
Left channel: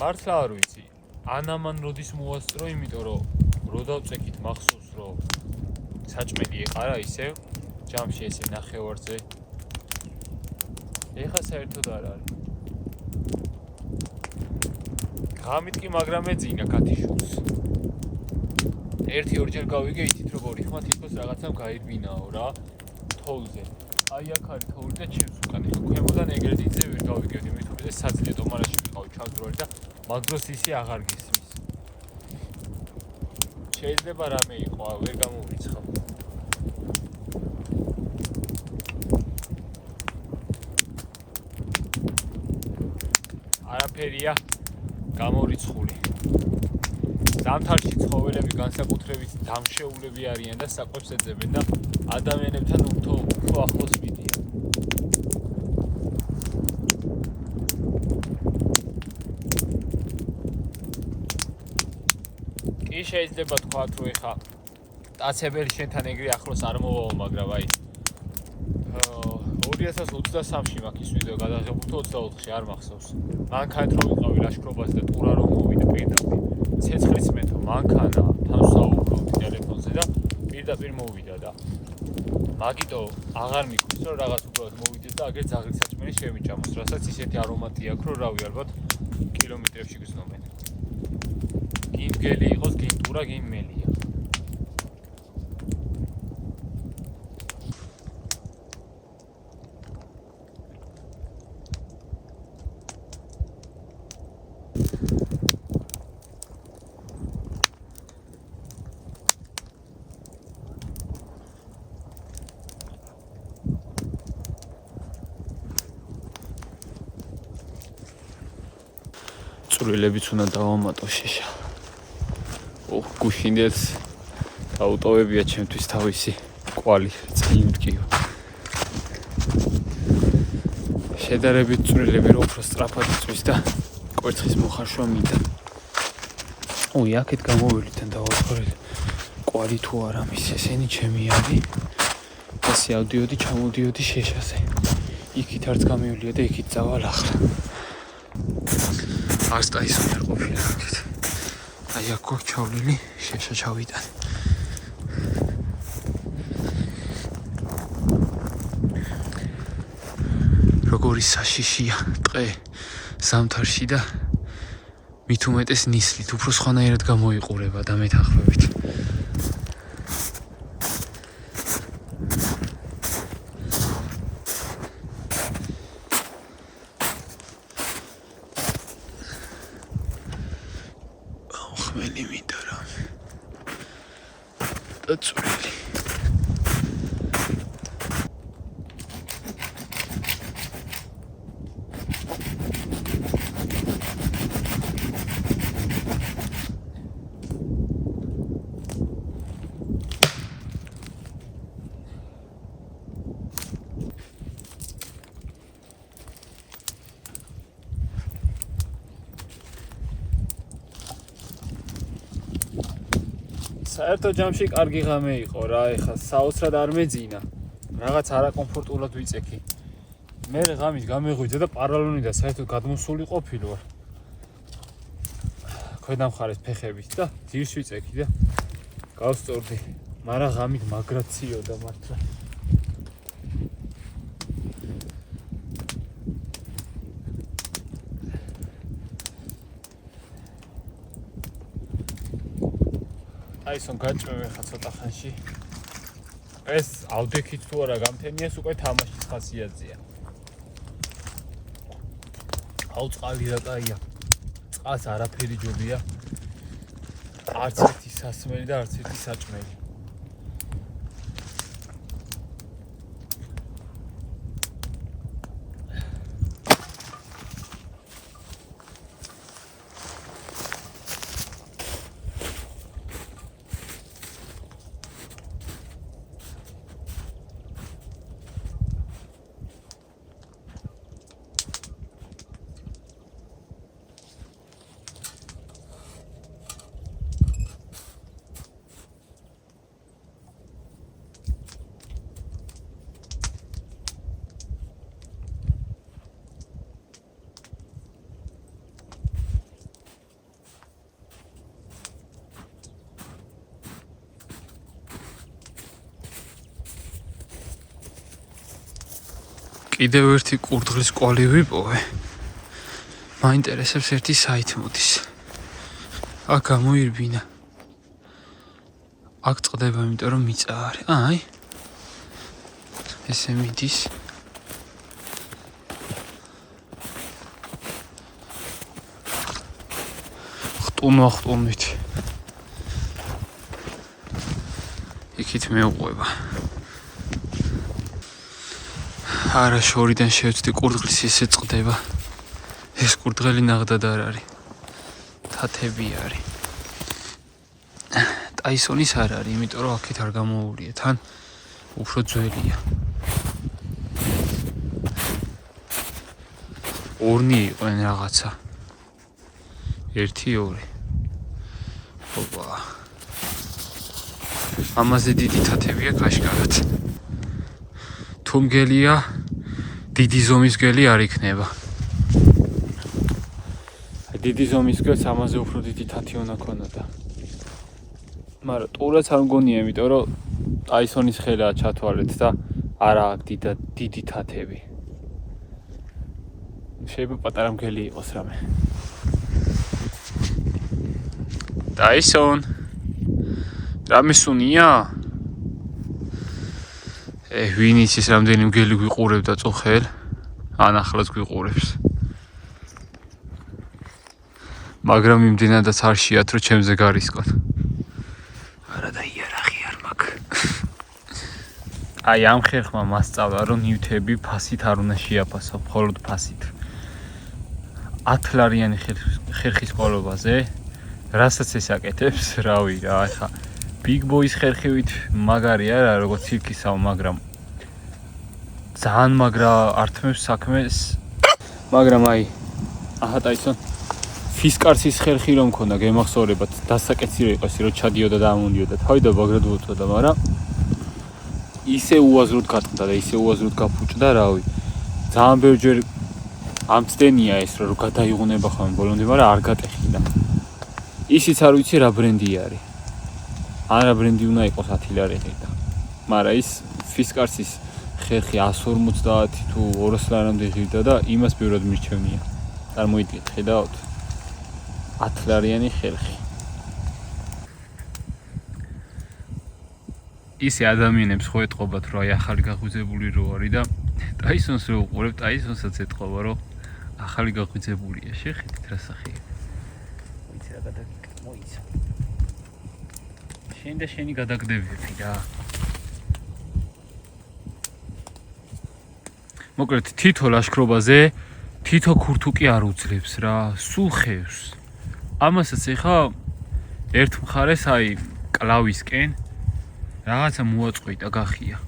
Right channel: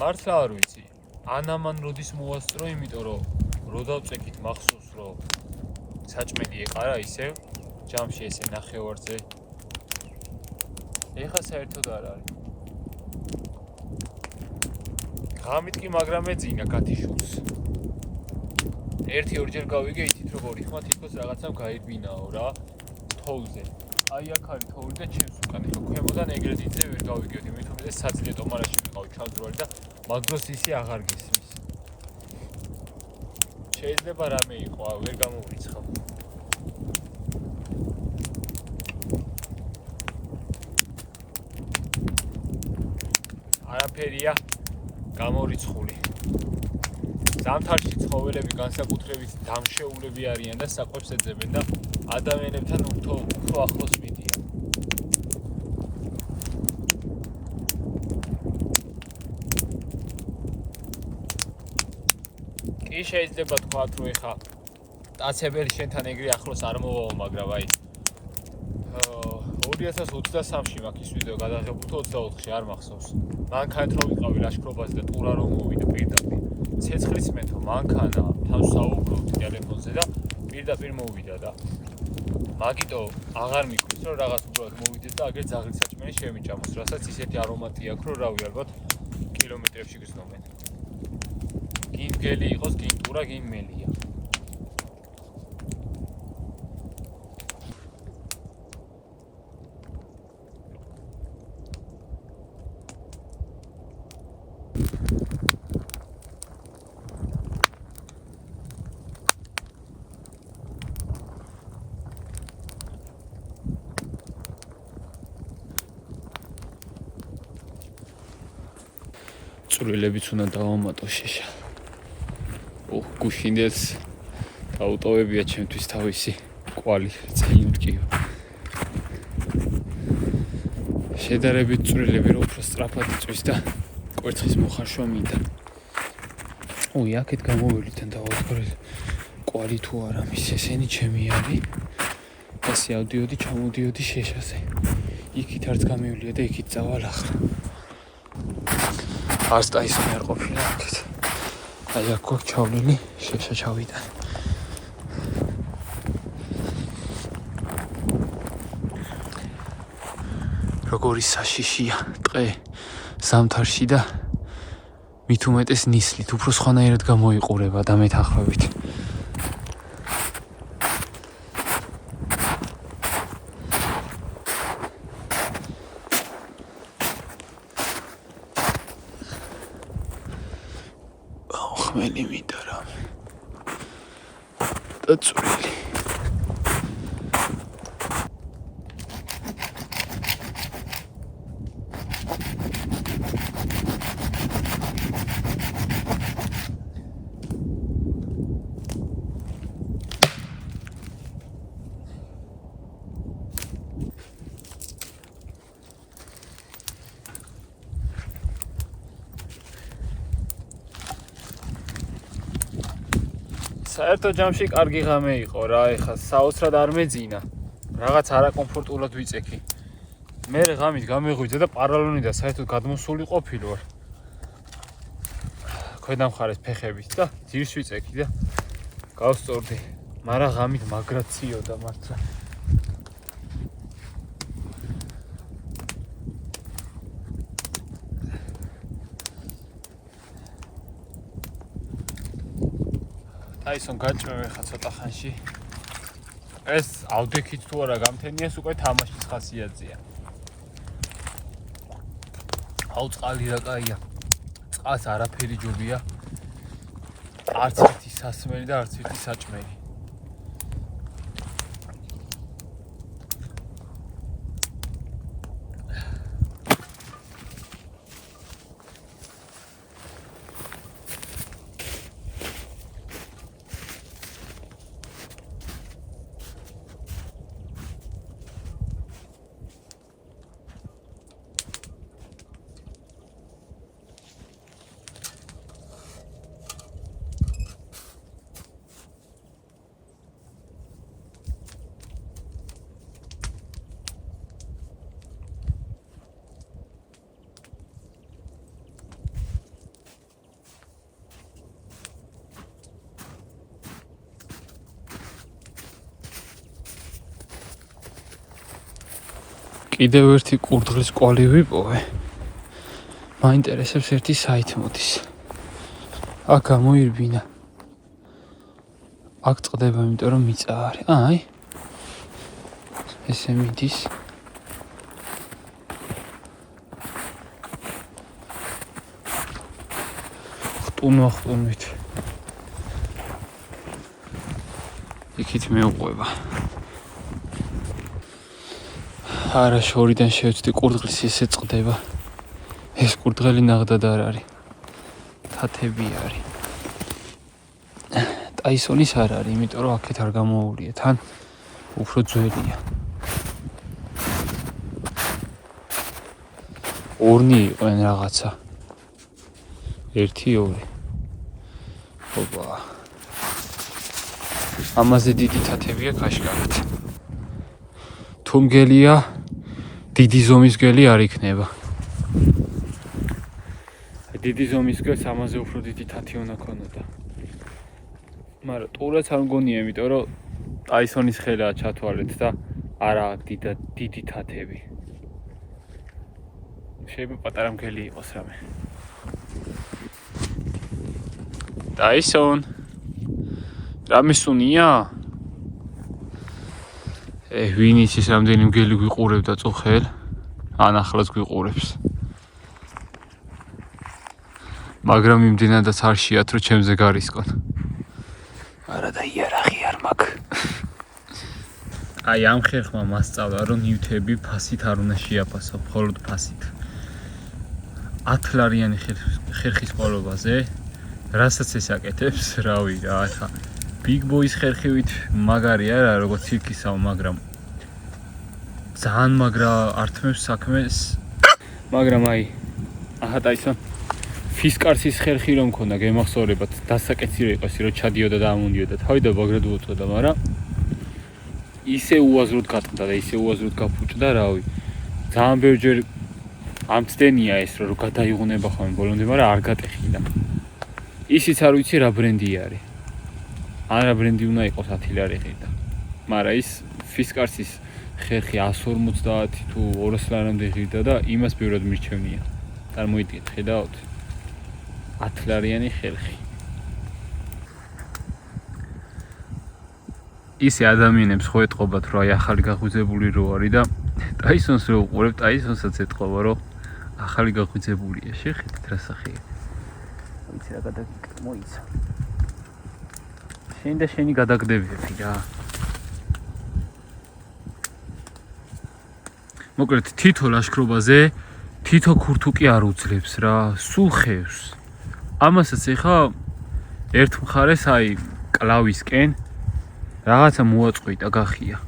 მართლა არ ვიცი. ანამან როდის მოასწრო, იმიტომ რომ რო დავწექით მახსოვს რომ საჭმელი ეყარა ისევ ჯამში ესე ნახევარზე. ეხა საერთოდ არ არის. ღამით კი მაგრამ ეძინა კათიშულს. 1-2 ჯერ გავიგე ითით როგორი ხმა თითქოს რაღაცამ გაირბინაო რა თოვლზე. აი აქ არის თოვლი და ჩემს უკან ეხა ქვემოდან ეგრეთ იცე ვერ გავიგებდი, მით უმეტეს საძილე ტომარაში ვიყავი ჩავძროალი და მაგდროს ისი აღარ გისმის. შეიძლება რამე იყო, ვერ გამოვიცხავ. არაფერია გამორიცხული. ზამთარში ცხოველები განსაკუთრებით დამშეულები არიან და საკვებს ეძებენ და ადამიანებთან უფრო ახლოს მიდიან. კი შეიძლება თქვათ რომ ეხა ტაცებელი შენთან ეგრე ახლოს არ მოვაო, მაგრამ აი 2023-ში მაქვს ის ვიდეო გადაღებული, 24-ში არ მახსოვს. მანქანით რომ ვიყავი ლაშქრობაზე და ტურა რომ მოვიდა პირდაპირ. ცეცხლის მეთო მანქანა თან საუბრობდი ტელეფონზე და პირდაპირ მოვიდა და მაგიტო აღარ მიყვის რომ რაღაც უბრალოდ მოვიდეს და აგერ ძაღლის საჭმელი შემიჭამოს, რასაც ისეთი არომატი აქვს რომ რავი ალბათ კილომეტრებში გრძნობენ. გინ მგელი იყოს, გინ ტურა, გინ მელია. წვრილებიც უნდა დავამატო შეშა. გუშინდელს დაუტოვებია ჩემთვის თავისი კვალი წელი მტკივა. შედარებით წვრილები რო უფრო სწრაფად იწვის და კვერცხის მოხარშვა მინდა. აქეთ გამოვიდით და დავაწყორეთ კვალი თუ არა მის ესენი ჩემი არის. ასე ავდიოდი, ჩამოვდიოდი შეშაზე. იქით არც გამივლია და იქით წავალ ახლა. ასტაისონი არ ყოფილა. აი აქ გვაქვს ჩავლილი, შეშა ჩავიტან. როგორი საშიშია ტყე ზამთარში და მით უმეტეს ნისლით, უფრო სხვანაირად გამოიყურება და მეთანხმებით. ხმელი მინდა რა. და წვრილი. საერთო ჯამში კარგი ღამე იყო რა, ეხლა საოცრად არ მეძინა. რაღაც არაკომფორტულად ვიწექი. მე ღამით გამეღვიძე და პარალონი და საერთოდ გადმოსული ყოფილი ვარ. ქვედა მხარეს ფეხებით და ძირს ვიწექი და გავსწორდი. მაგრამ ღამით მაგრად ციოდა მართლა. აისონ გაჭმევ ხა ცოტა ხანში. ეს ავდექით თუ არა გამთენიეს უკვე თამაშის ხასიათზეა. აუ წყალი რა კაია. წყალს არაფერი ჯობია. არც ერთი სასმელი და არც ერთი საჭმელი. კიდევ ერთი კურდღლის კვალი ვიპოვე. მაინტერესებს ერთი საით მოდის. აქ გამოირბინა. აქ წყდება, იმიტომ რომ მიწა არის. აი. ესე მიდის. ხტუნვით. იქით მეუყვება. არა შორიდან შევწდი კურდღლის ესე წყდება. ეს კურდღელი ნაღდად არ არის. თათები არის. ტაისონის არ არის, იმიტომ რომ აქეთ არ გამოუვლია, თან უფრო ძველია. ორნი იყვნენ რაღაცა. 1-2. ოპა. ამაზე დიდი თათებია ქაშკარად. თუ მგელია დიდი ზომის გელი არ იქნება. დიდი ზომის გელს ამაზე უფრო დიდი თათი უნდა ქონოდა. მაგრამ ტურაც არ მგონია, იმიტომ რომ ტაისონის ხელაა ჩათვალეთ და არა დიდი თათები. შეიძლება პატარა მგელი იყოს რამე. ტაისონ რამე სუნია? ვინ იცის რამდენი მგელი გვიყურებდა წუხელ? ან ახლაც გვიყურებს. მაგრამ იმდენადაც არ შეათ რომ ჩემზე გარისკონ. არა და იარაღი არ მაქვს. აი ამ ხერხმა მასწავლა რომ ნივთები ფასით არ უნდა შეაფასო, მხოლოდ ფასით. 10 ლარიანი ხერხის ყოლობაზე, რასაც ეს აკეთებს, რავი რა, ახლა Big Boys ხერხივით მაგარი არა, როგორც ცირკისაო, მაგრამ ძალიან მაგრა ართმევს საქმეს. მაგრამ აი, აჰა ტაისონ ფისკარსის ხერხი რომ მქონდა, გემახსოვრებათ, დასაკეცი რა იყოს, რომ ჩადიოდა და ამოდიოდა. თავიდან მაგრად უწოდა, მაგრამ ისე უაზროდ გატყდა და ისე უაზროდ გაფუჭდა, რავი. ძალიან ბევრჯერ ამცდენია ეს, რომ გადაიღუნება ხოლმე ბოლომდე, მაგრამ არ გატეხიდა. ისიც არ ვიცი რა ბრენდი არის. ან რა ბრენდი უნდა იყოს 10 ლარი ღირდა. მაგრამ ის ფისკარსის ხერხი 150 თუ 200 ლარამდე ღირდა და იმას ბევრად მირჩევნია. წარმოიდგინეთ, ხედავთ? 10 ლარიანი ხერხი. ისე ადამიანებს ხო ეთყობათ, რომ აი ახალი გაღვიძებული რო არის და ტაისონს რო უყურებ, ტაისონსაც ეთყობა, რომ ახალი გაღვიძებულია. შეხედეთ რა სახეა. ვიცი რა გადაგიკეთე, მოიცა. შენ და შენი გადაგდებები რა. მოკლედ თითო ლაშქრობაზე თითო ქურთუკი არ უძლებს რა, სულ ხევს. ამასაც ეხა ერთ მხარეს აი კლავისკენ რაღაცა მოაწყვიტა გახია.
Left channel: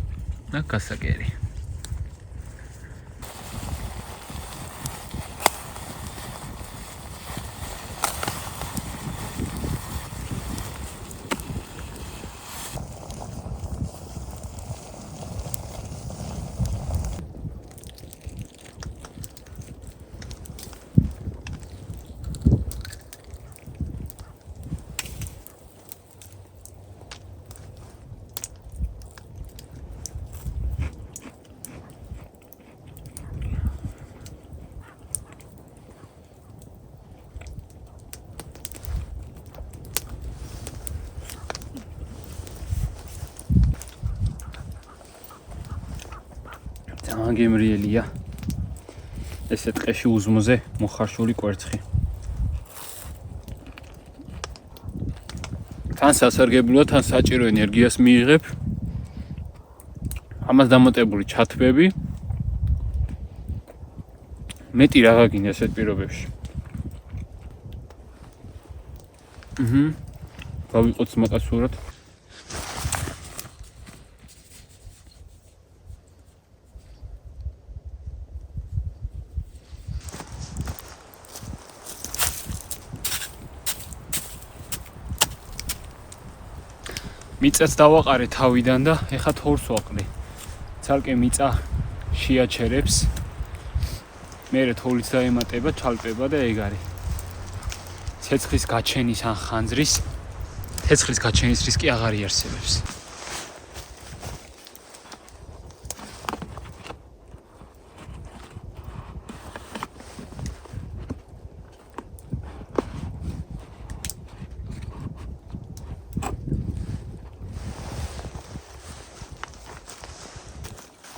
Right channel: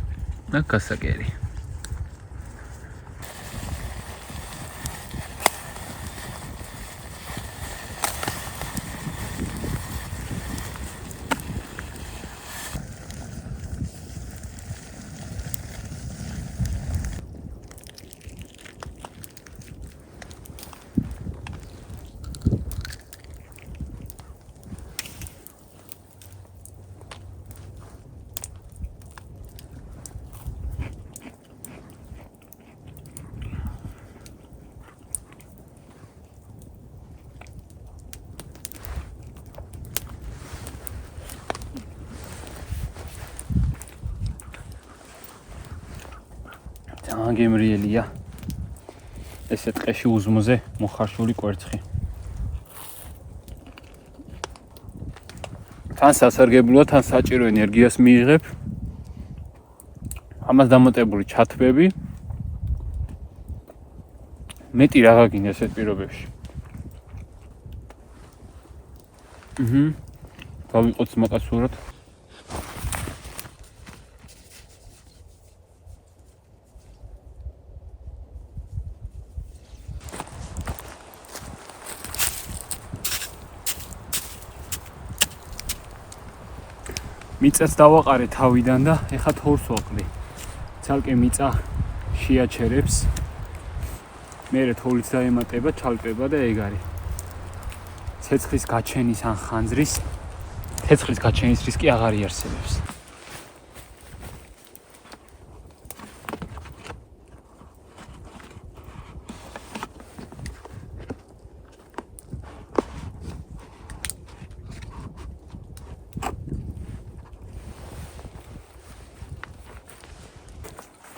და გასაგერი. განგემრიელია. ესე ტყეში უზმოზე მოხარშული კვერცხი. თან სასარგებლოა, თან საჭირო ენერგიას მიიღებ. ამას დამატებული ჩათბები. მეტი რაღა გინდა ესეთ პირობებში. გავიყოთ მოკასურად. მიწას დავაყარე თავიდან და ეხა თორს ვაყრი. ცალკე მიწა შეაჩერებს. მერე თოვლიც დაემატება, ჩალპება და ეგ არის. ცეცხლის გაჩენის ან ხანძრის ცეცხლის გაჩენის რისკი აღარ იარსებებს.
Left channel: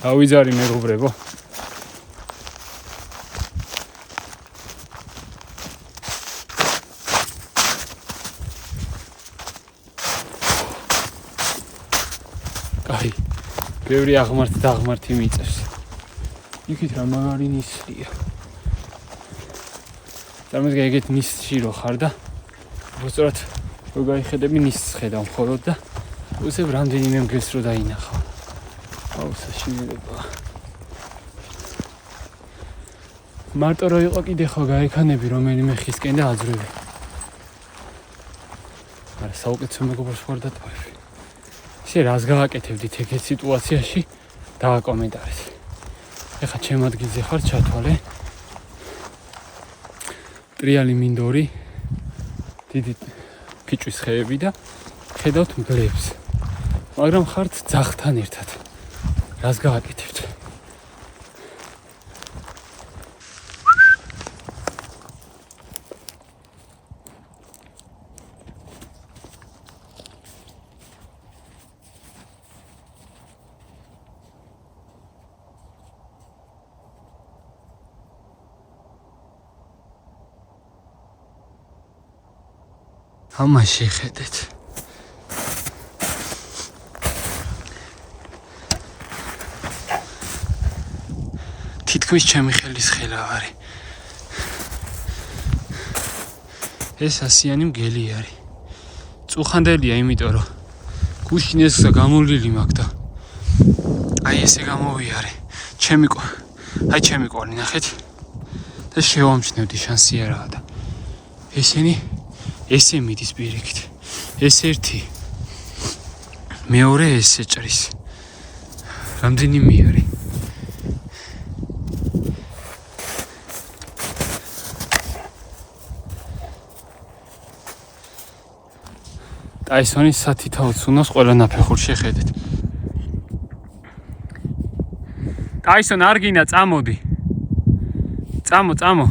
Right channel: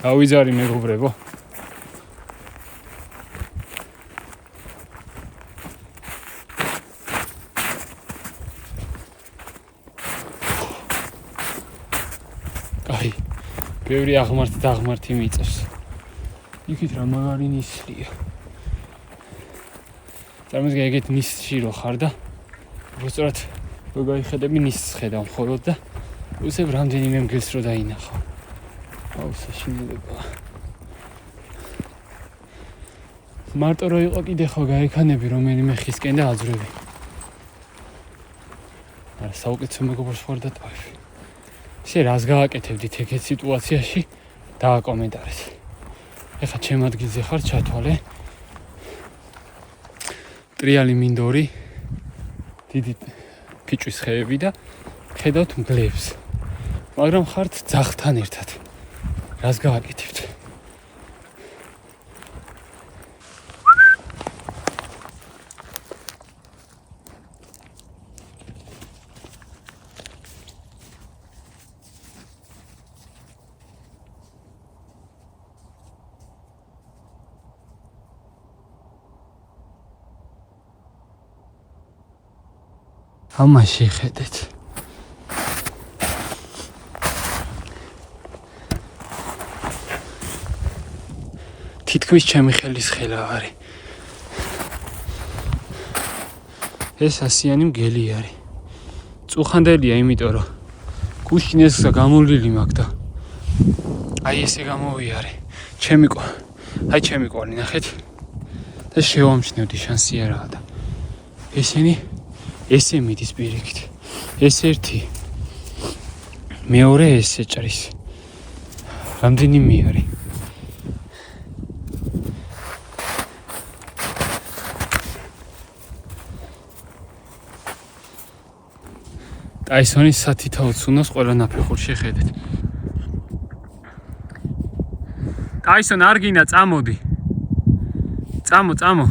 დავიძარი მეგობრებო. კაი, ბევრი აღმართი და აღმართი მიწევს. იქით რა მაგარი ნისლია. წარმოიდგინე ეგეთ ნისლში რო ხარ და უბრალოდ რო გაიხედები ნისლს ხედავ მხოლოდ და უცებ რამდენიმე მგელს რო დაინახავ. აუ საშინელება. მარტო რო იყო კიდე ხო გაიქანები რომელიმე ხისკენ და აძვრები. არა საუკეთესო მეგობრს ვარ და ტყავი. ისე რას გააკეთებდით ეგეთ სიტუაციაში დააკომენტარეთ. ეხლა ჩემ ადგილზე ხარ ჩათვალე. ტრიალი მინდორი, დიდი ფიჭვის ხეები და ხედავთ მგლებს. მაგრამ ხართ ძაღლთან ერთად. რას გააკეთებთ? ამაში ხედეთ. თითქმის ჩემი ხელის ხელავარი. ეს ასიანი მგელი არის. წუხანდელია, იმიტომ რომ გუშინ ეს გამოვლილი მაქვს და აი ესე გამოვიარე. ჩემი კვალი ნახეთ და შევამჩნევდი შანსი არაა და ესენი ესე მიდის პირიქით. ეს ერთი. მეორე ესე ჭრის. რამდენიმე არის? ტაისონის სათითაო ცუნოს ყველა ნაფეხურში ხედეთ. ტაისონ არ გინდა წამოდი. წამო.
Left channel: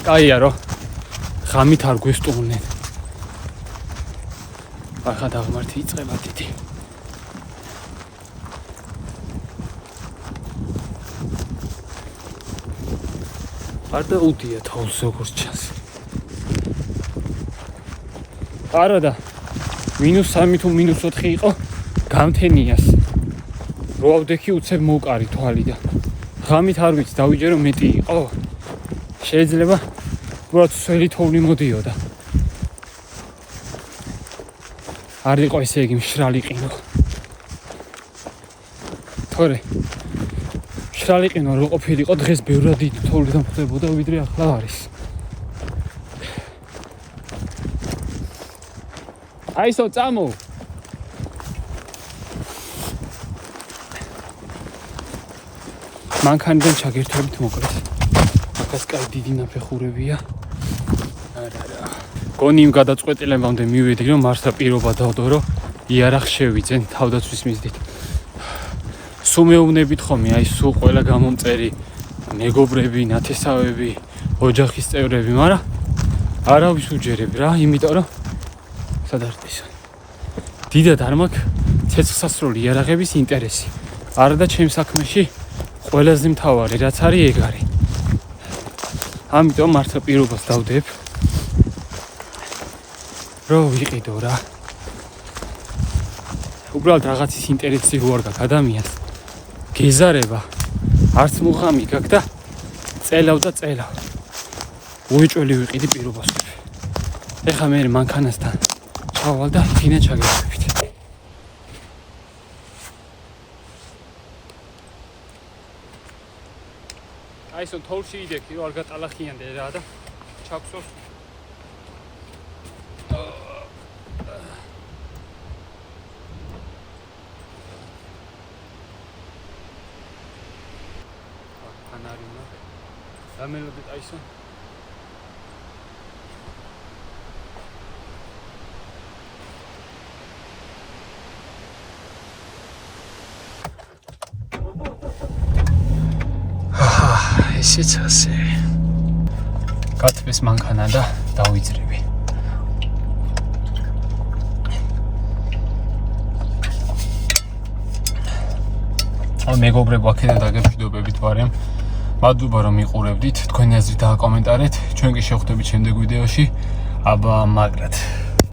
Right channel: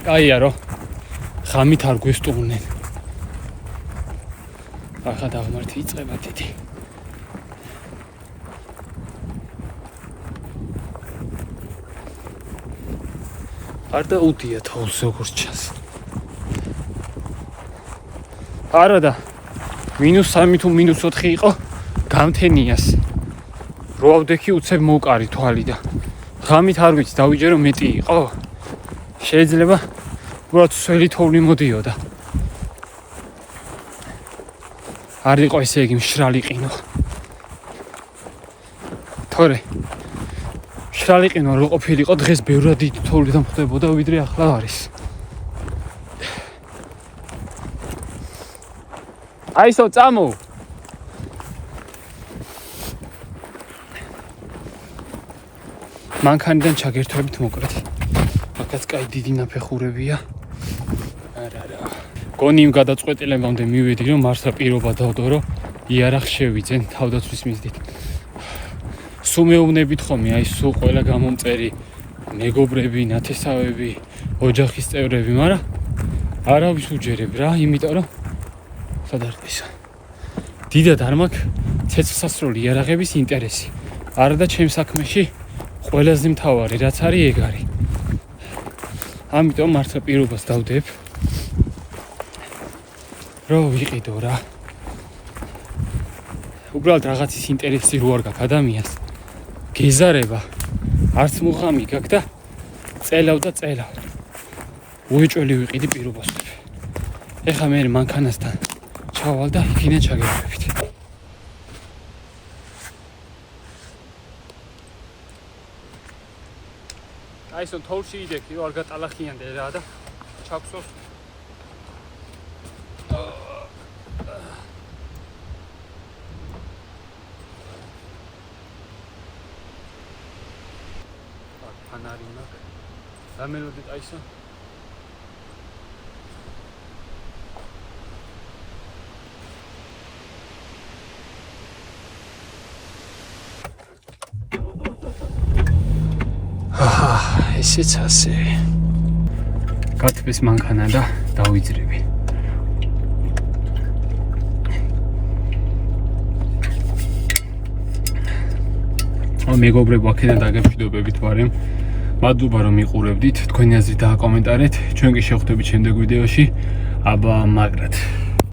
კაია რო ღამით არ გვესტუმრნენ. ახლა დაღმართი იწყება დიდი. არ დაუდია თავს როგორც ჩანს. არა და -3 თუ -4 იყო გამთენიას. რო ავდექი უცებ მოვკარი თვალი და ღამით არ ვიცი დავიჯერო მეტი იყო. შეიძლება უბრალოდ სველი თოვლი მოდიოდა. არ იყო ესე იგი მშრალი ყინო. თორე მშრალი ყინო რო ყოფილიყო დღეს ბევრად დიდი თოვლი დამხვდებოდა ვიდრე ახლა არის. აისო წამო. მანქანიდან ჩაგერთვებით მოკლედ. აქაც კაი დიდი ნაფეხურებია. არა. გონი იმ გადაწყვეტილებამდე მივედი რომ მართლა პირობა დავდო რომ იარაღს შევიძენ თავდაცვის მიზნით. სულ მეუბნებით ხომი აი სულ ყველა გამომწერი მეგობრები, ნათესავები, ოჯახის წევრები, მაგრამ არავის უჯერებ რა, იმიტომ რომ სადარყისა. დიდად არ მაქვს ცეცხლსასროლი იარაღების ინტერესი. არა და ჩემს საქმეში ყველაზე მთავარი რაც არის ეგ არის. ამიტომ მართლა პირობას დავდებ რომ ვიყიდო რა. უბრალოდ რაღაცის ინტერესი რო არ გაქვს ადამიანს გეზარება არც მუღამი გაქვს და წელავ უეჭველი ვიყიდი პირობას. ეხლა მე მანქანასთან ჩავალ და იქინა ჩაგეხვევით. აი ეს თოლში იდექი რომ არ გატალახიანდე რა და ჩაგვსოს. ფანარი მაქვს. დამელოდეთ აი ეს. ესეც ასე. გათბეს მანქანა და დავიძრები. მეგობრებო, აქედან დაგემშვიდობებით ვარემ. მადლობა რომ მიყურებდით. თქვენი აზრი დააკომენტარეთ. ჩვენ კი შევხვდებით შემდეგ ვიდეოში. აბა მაგრად.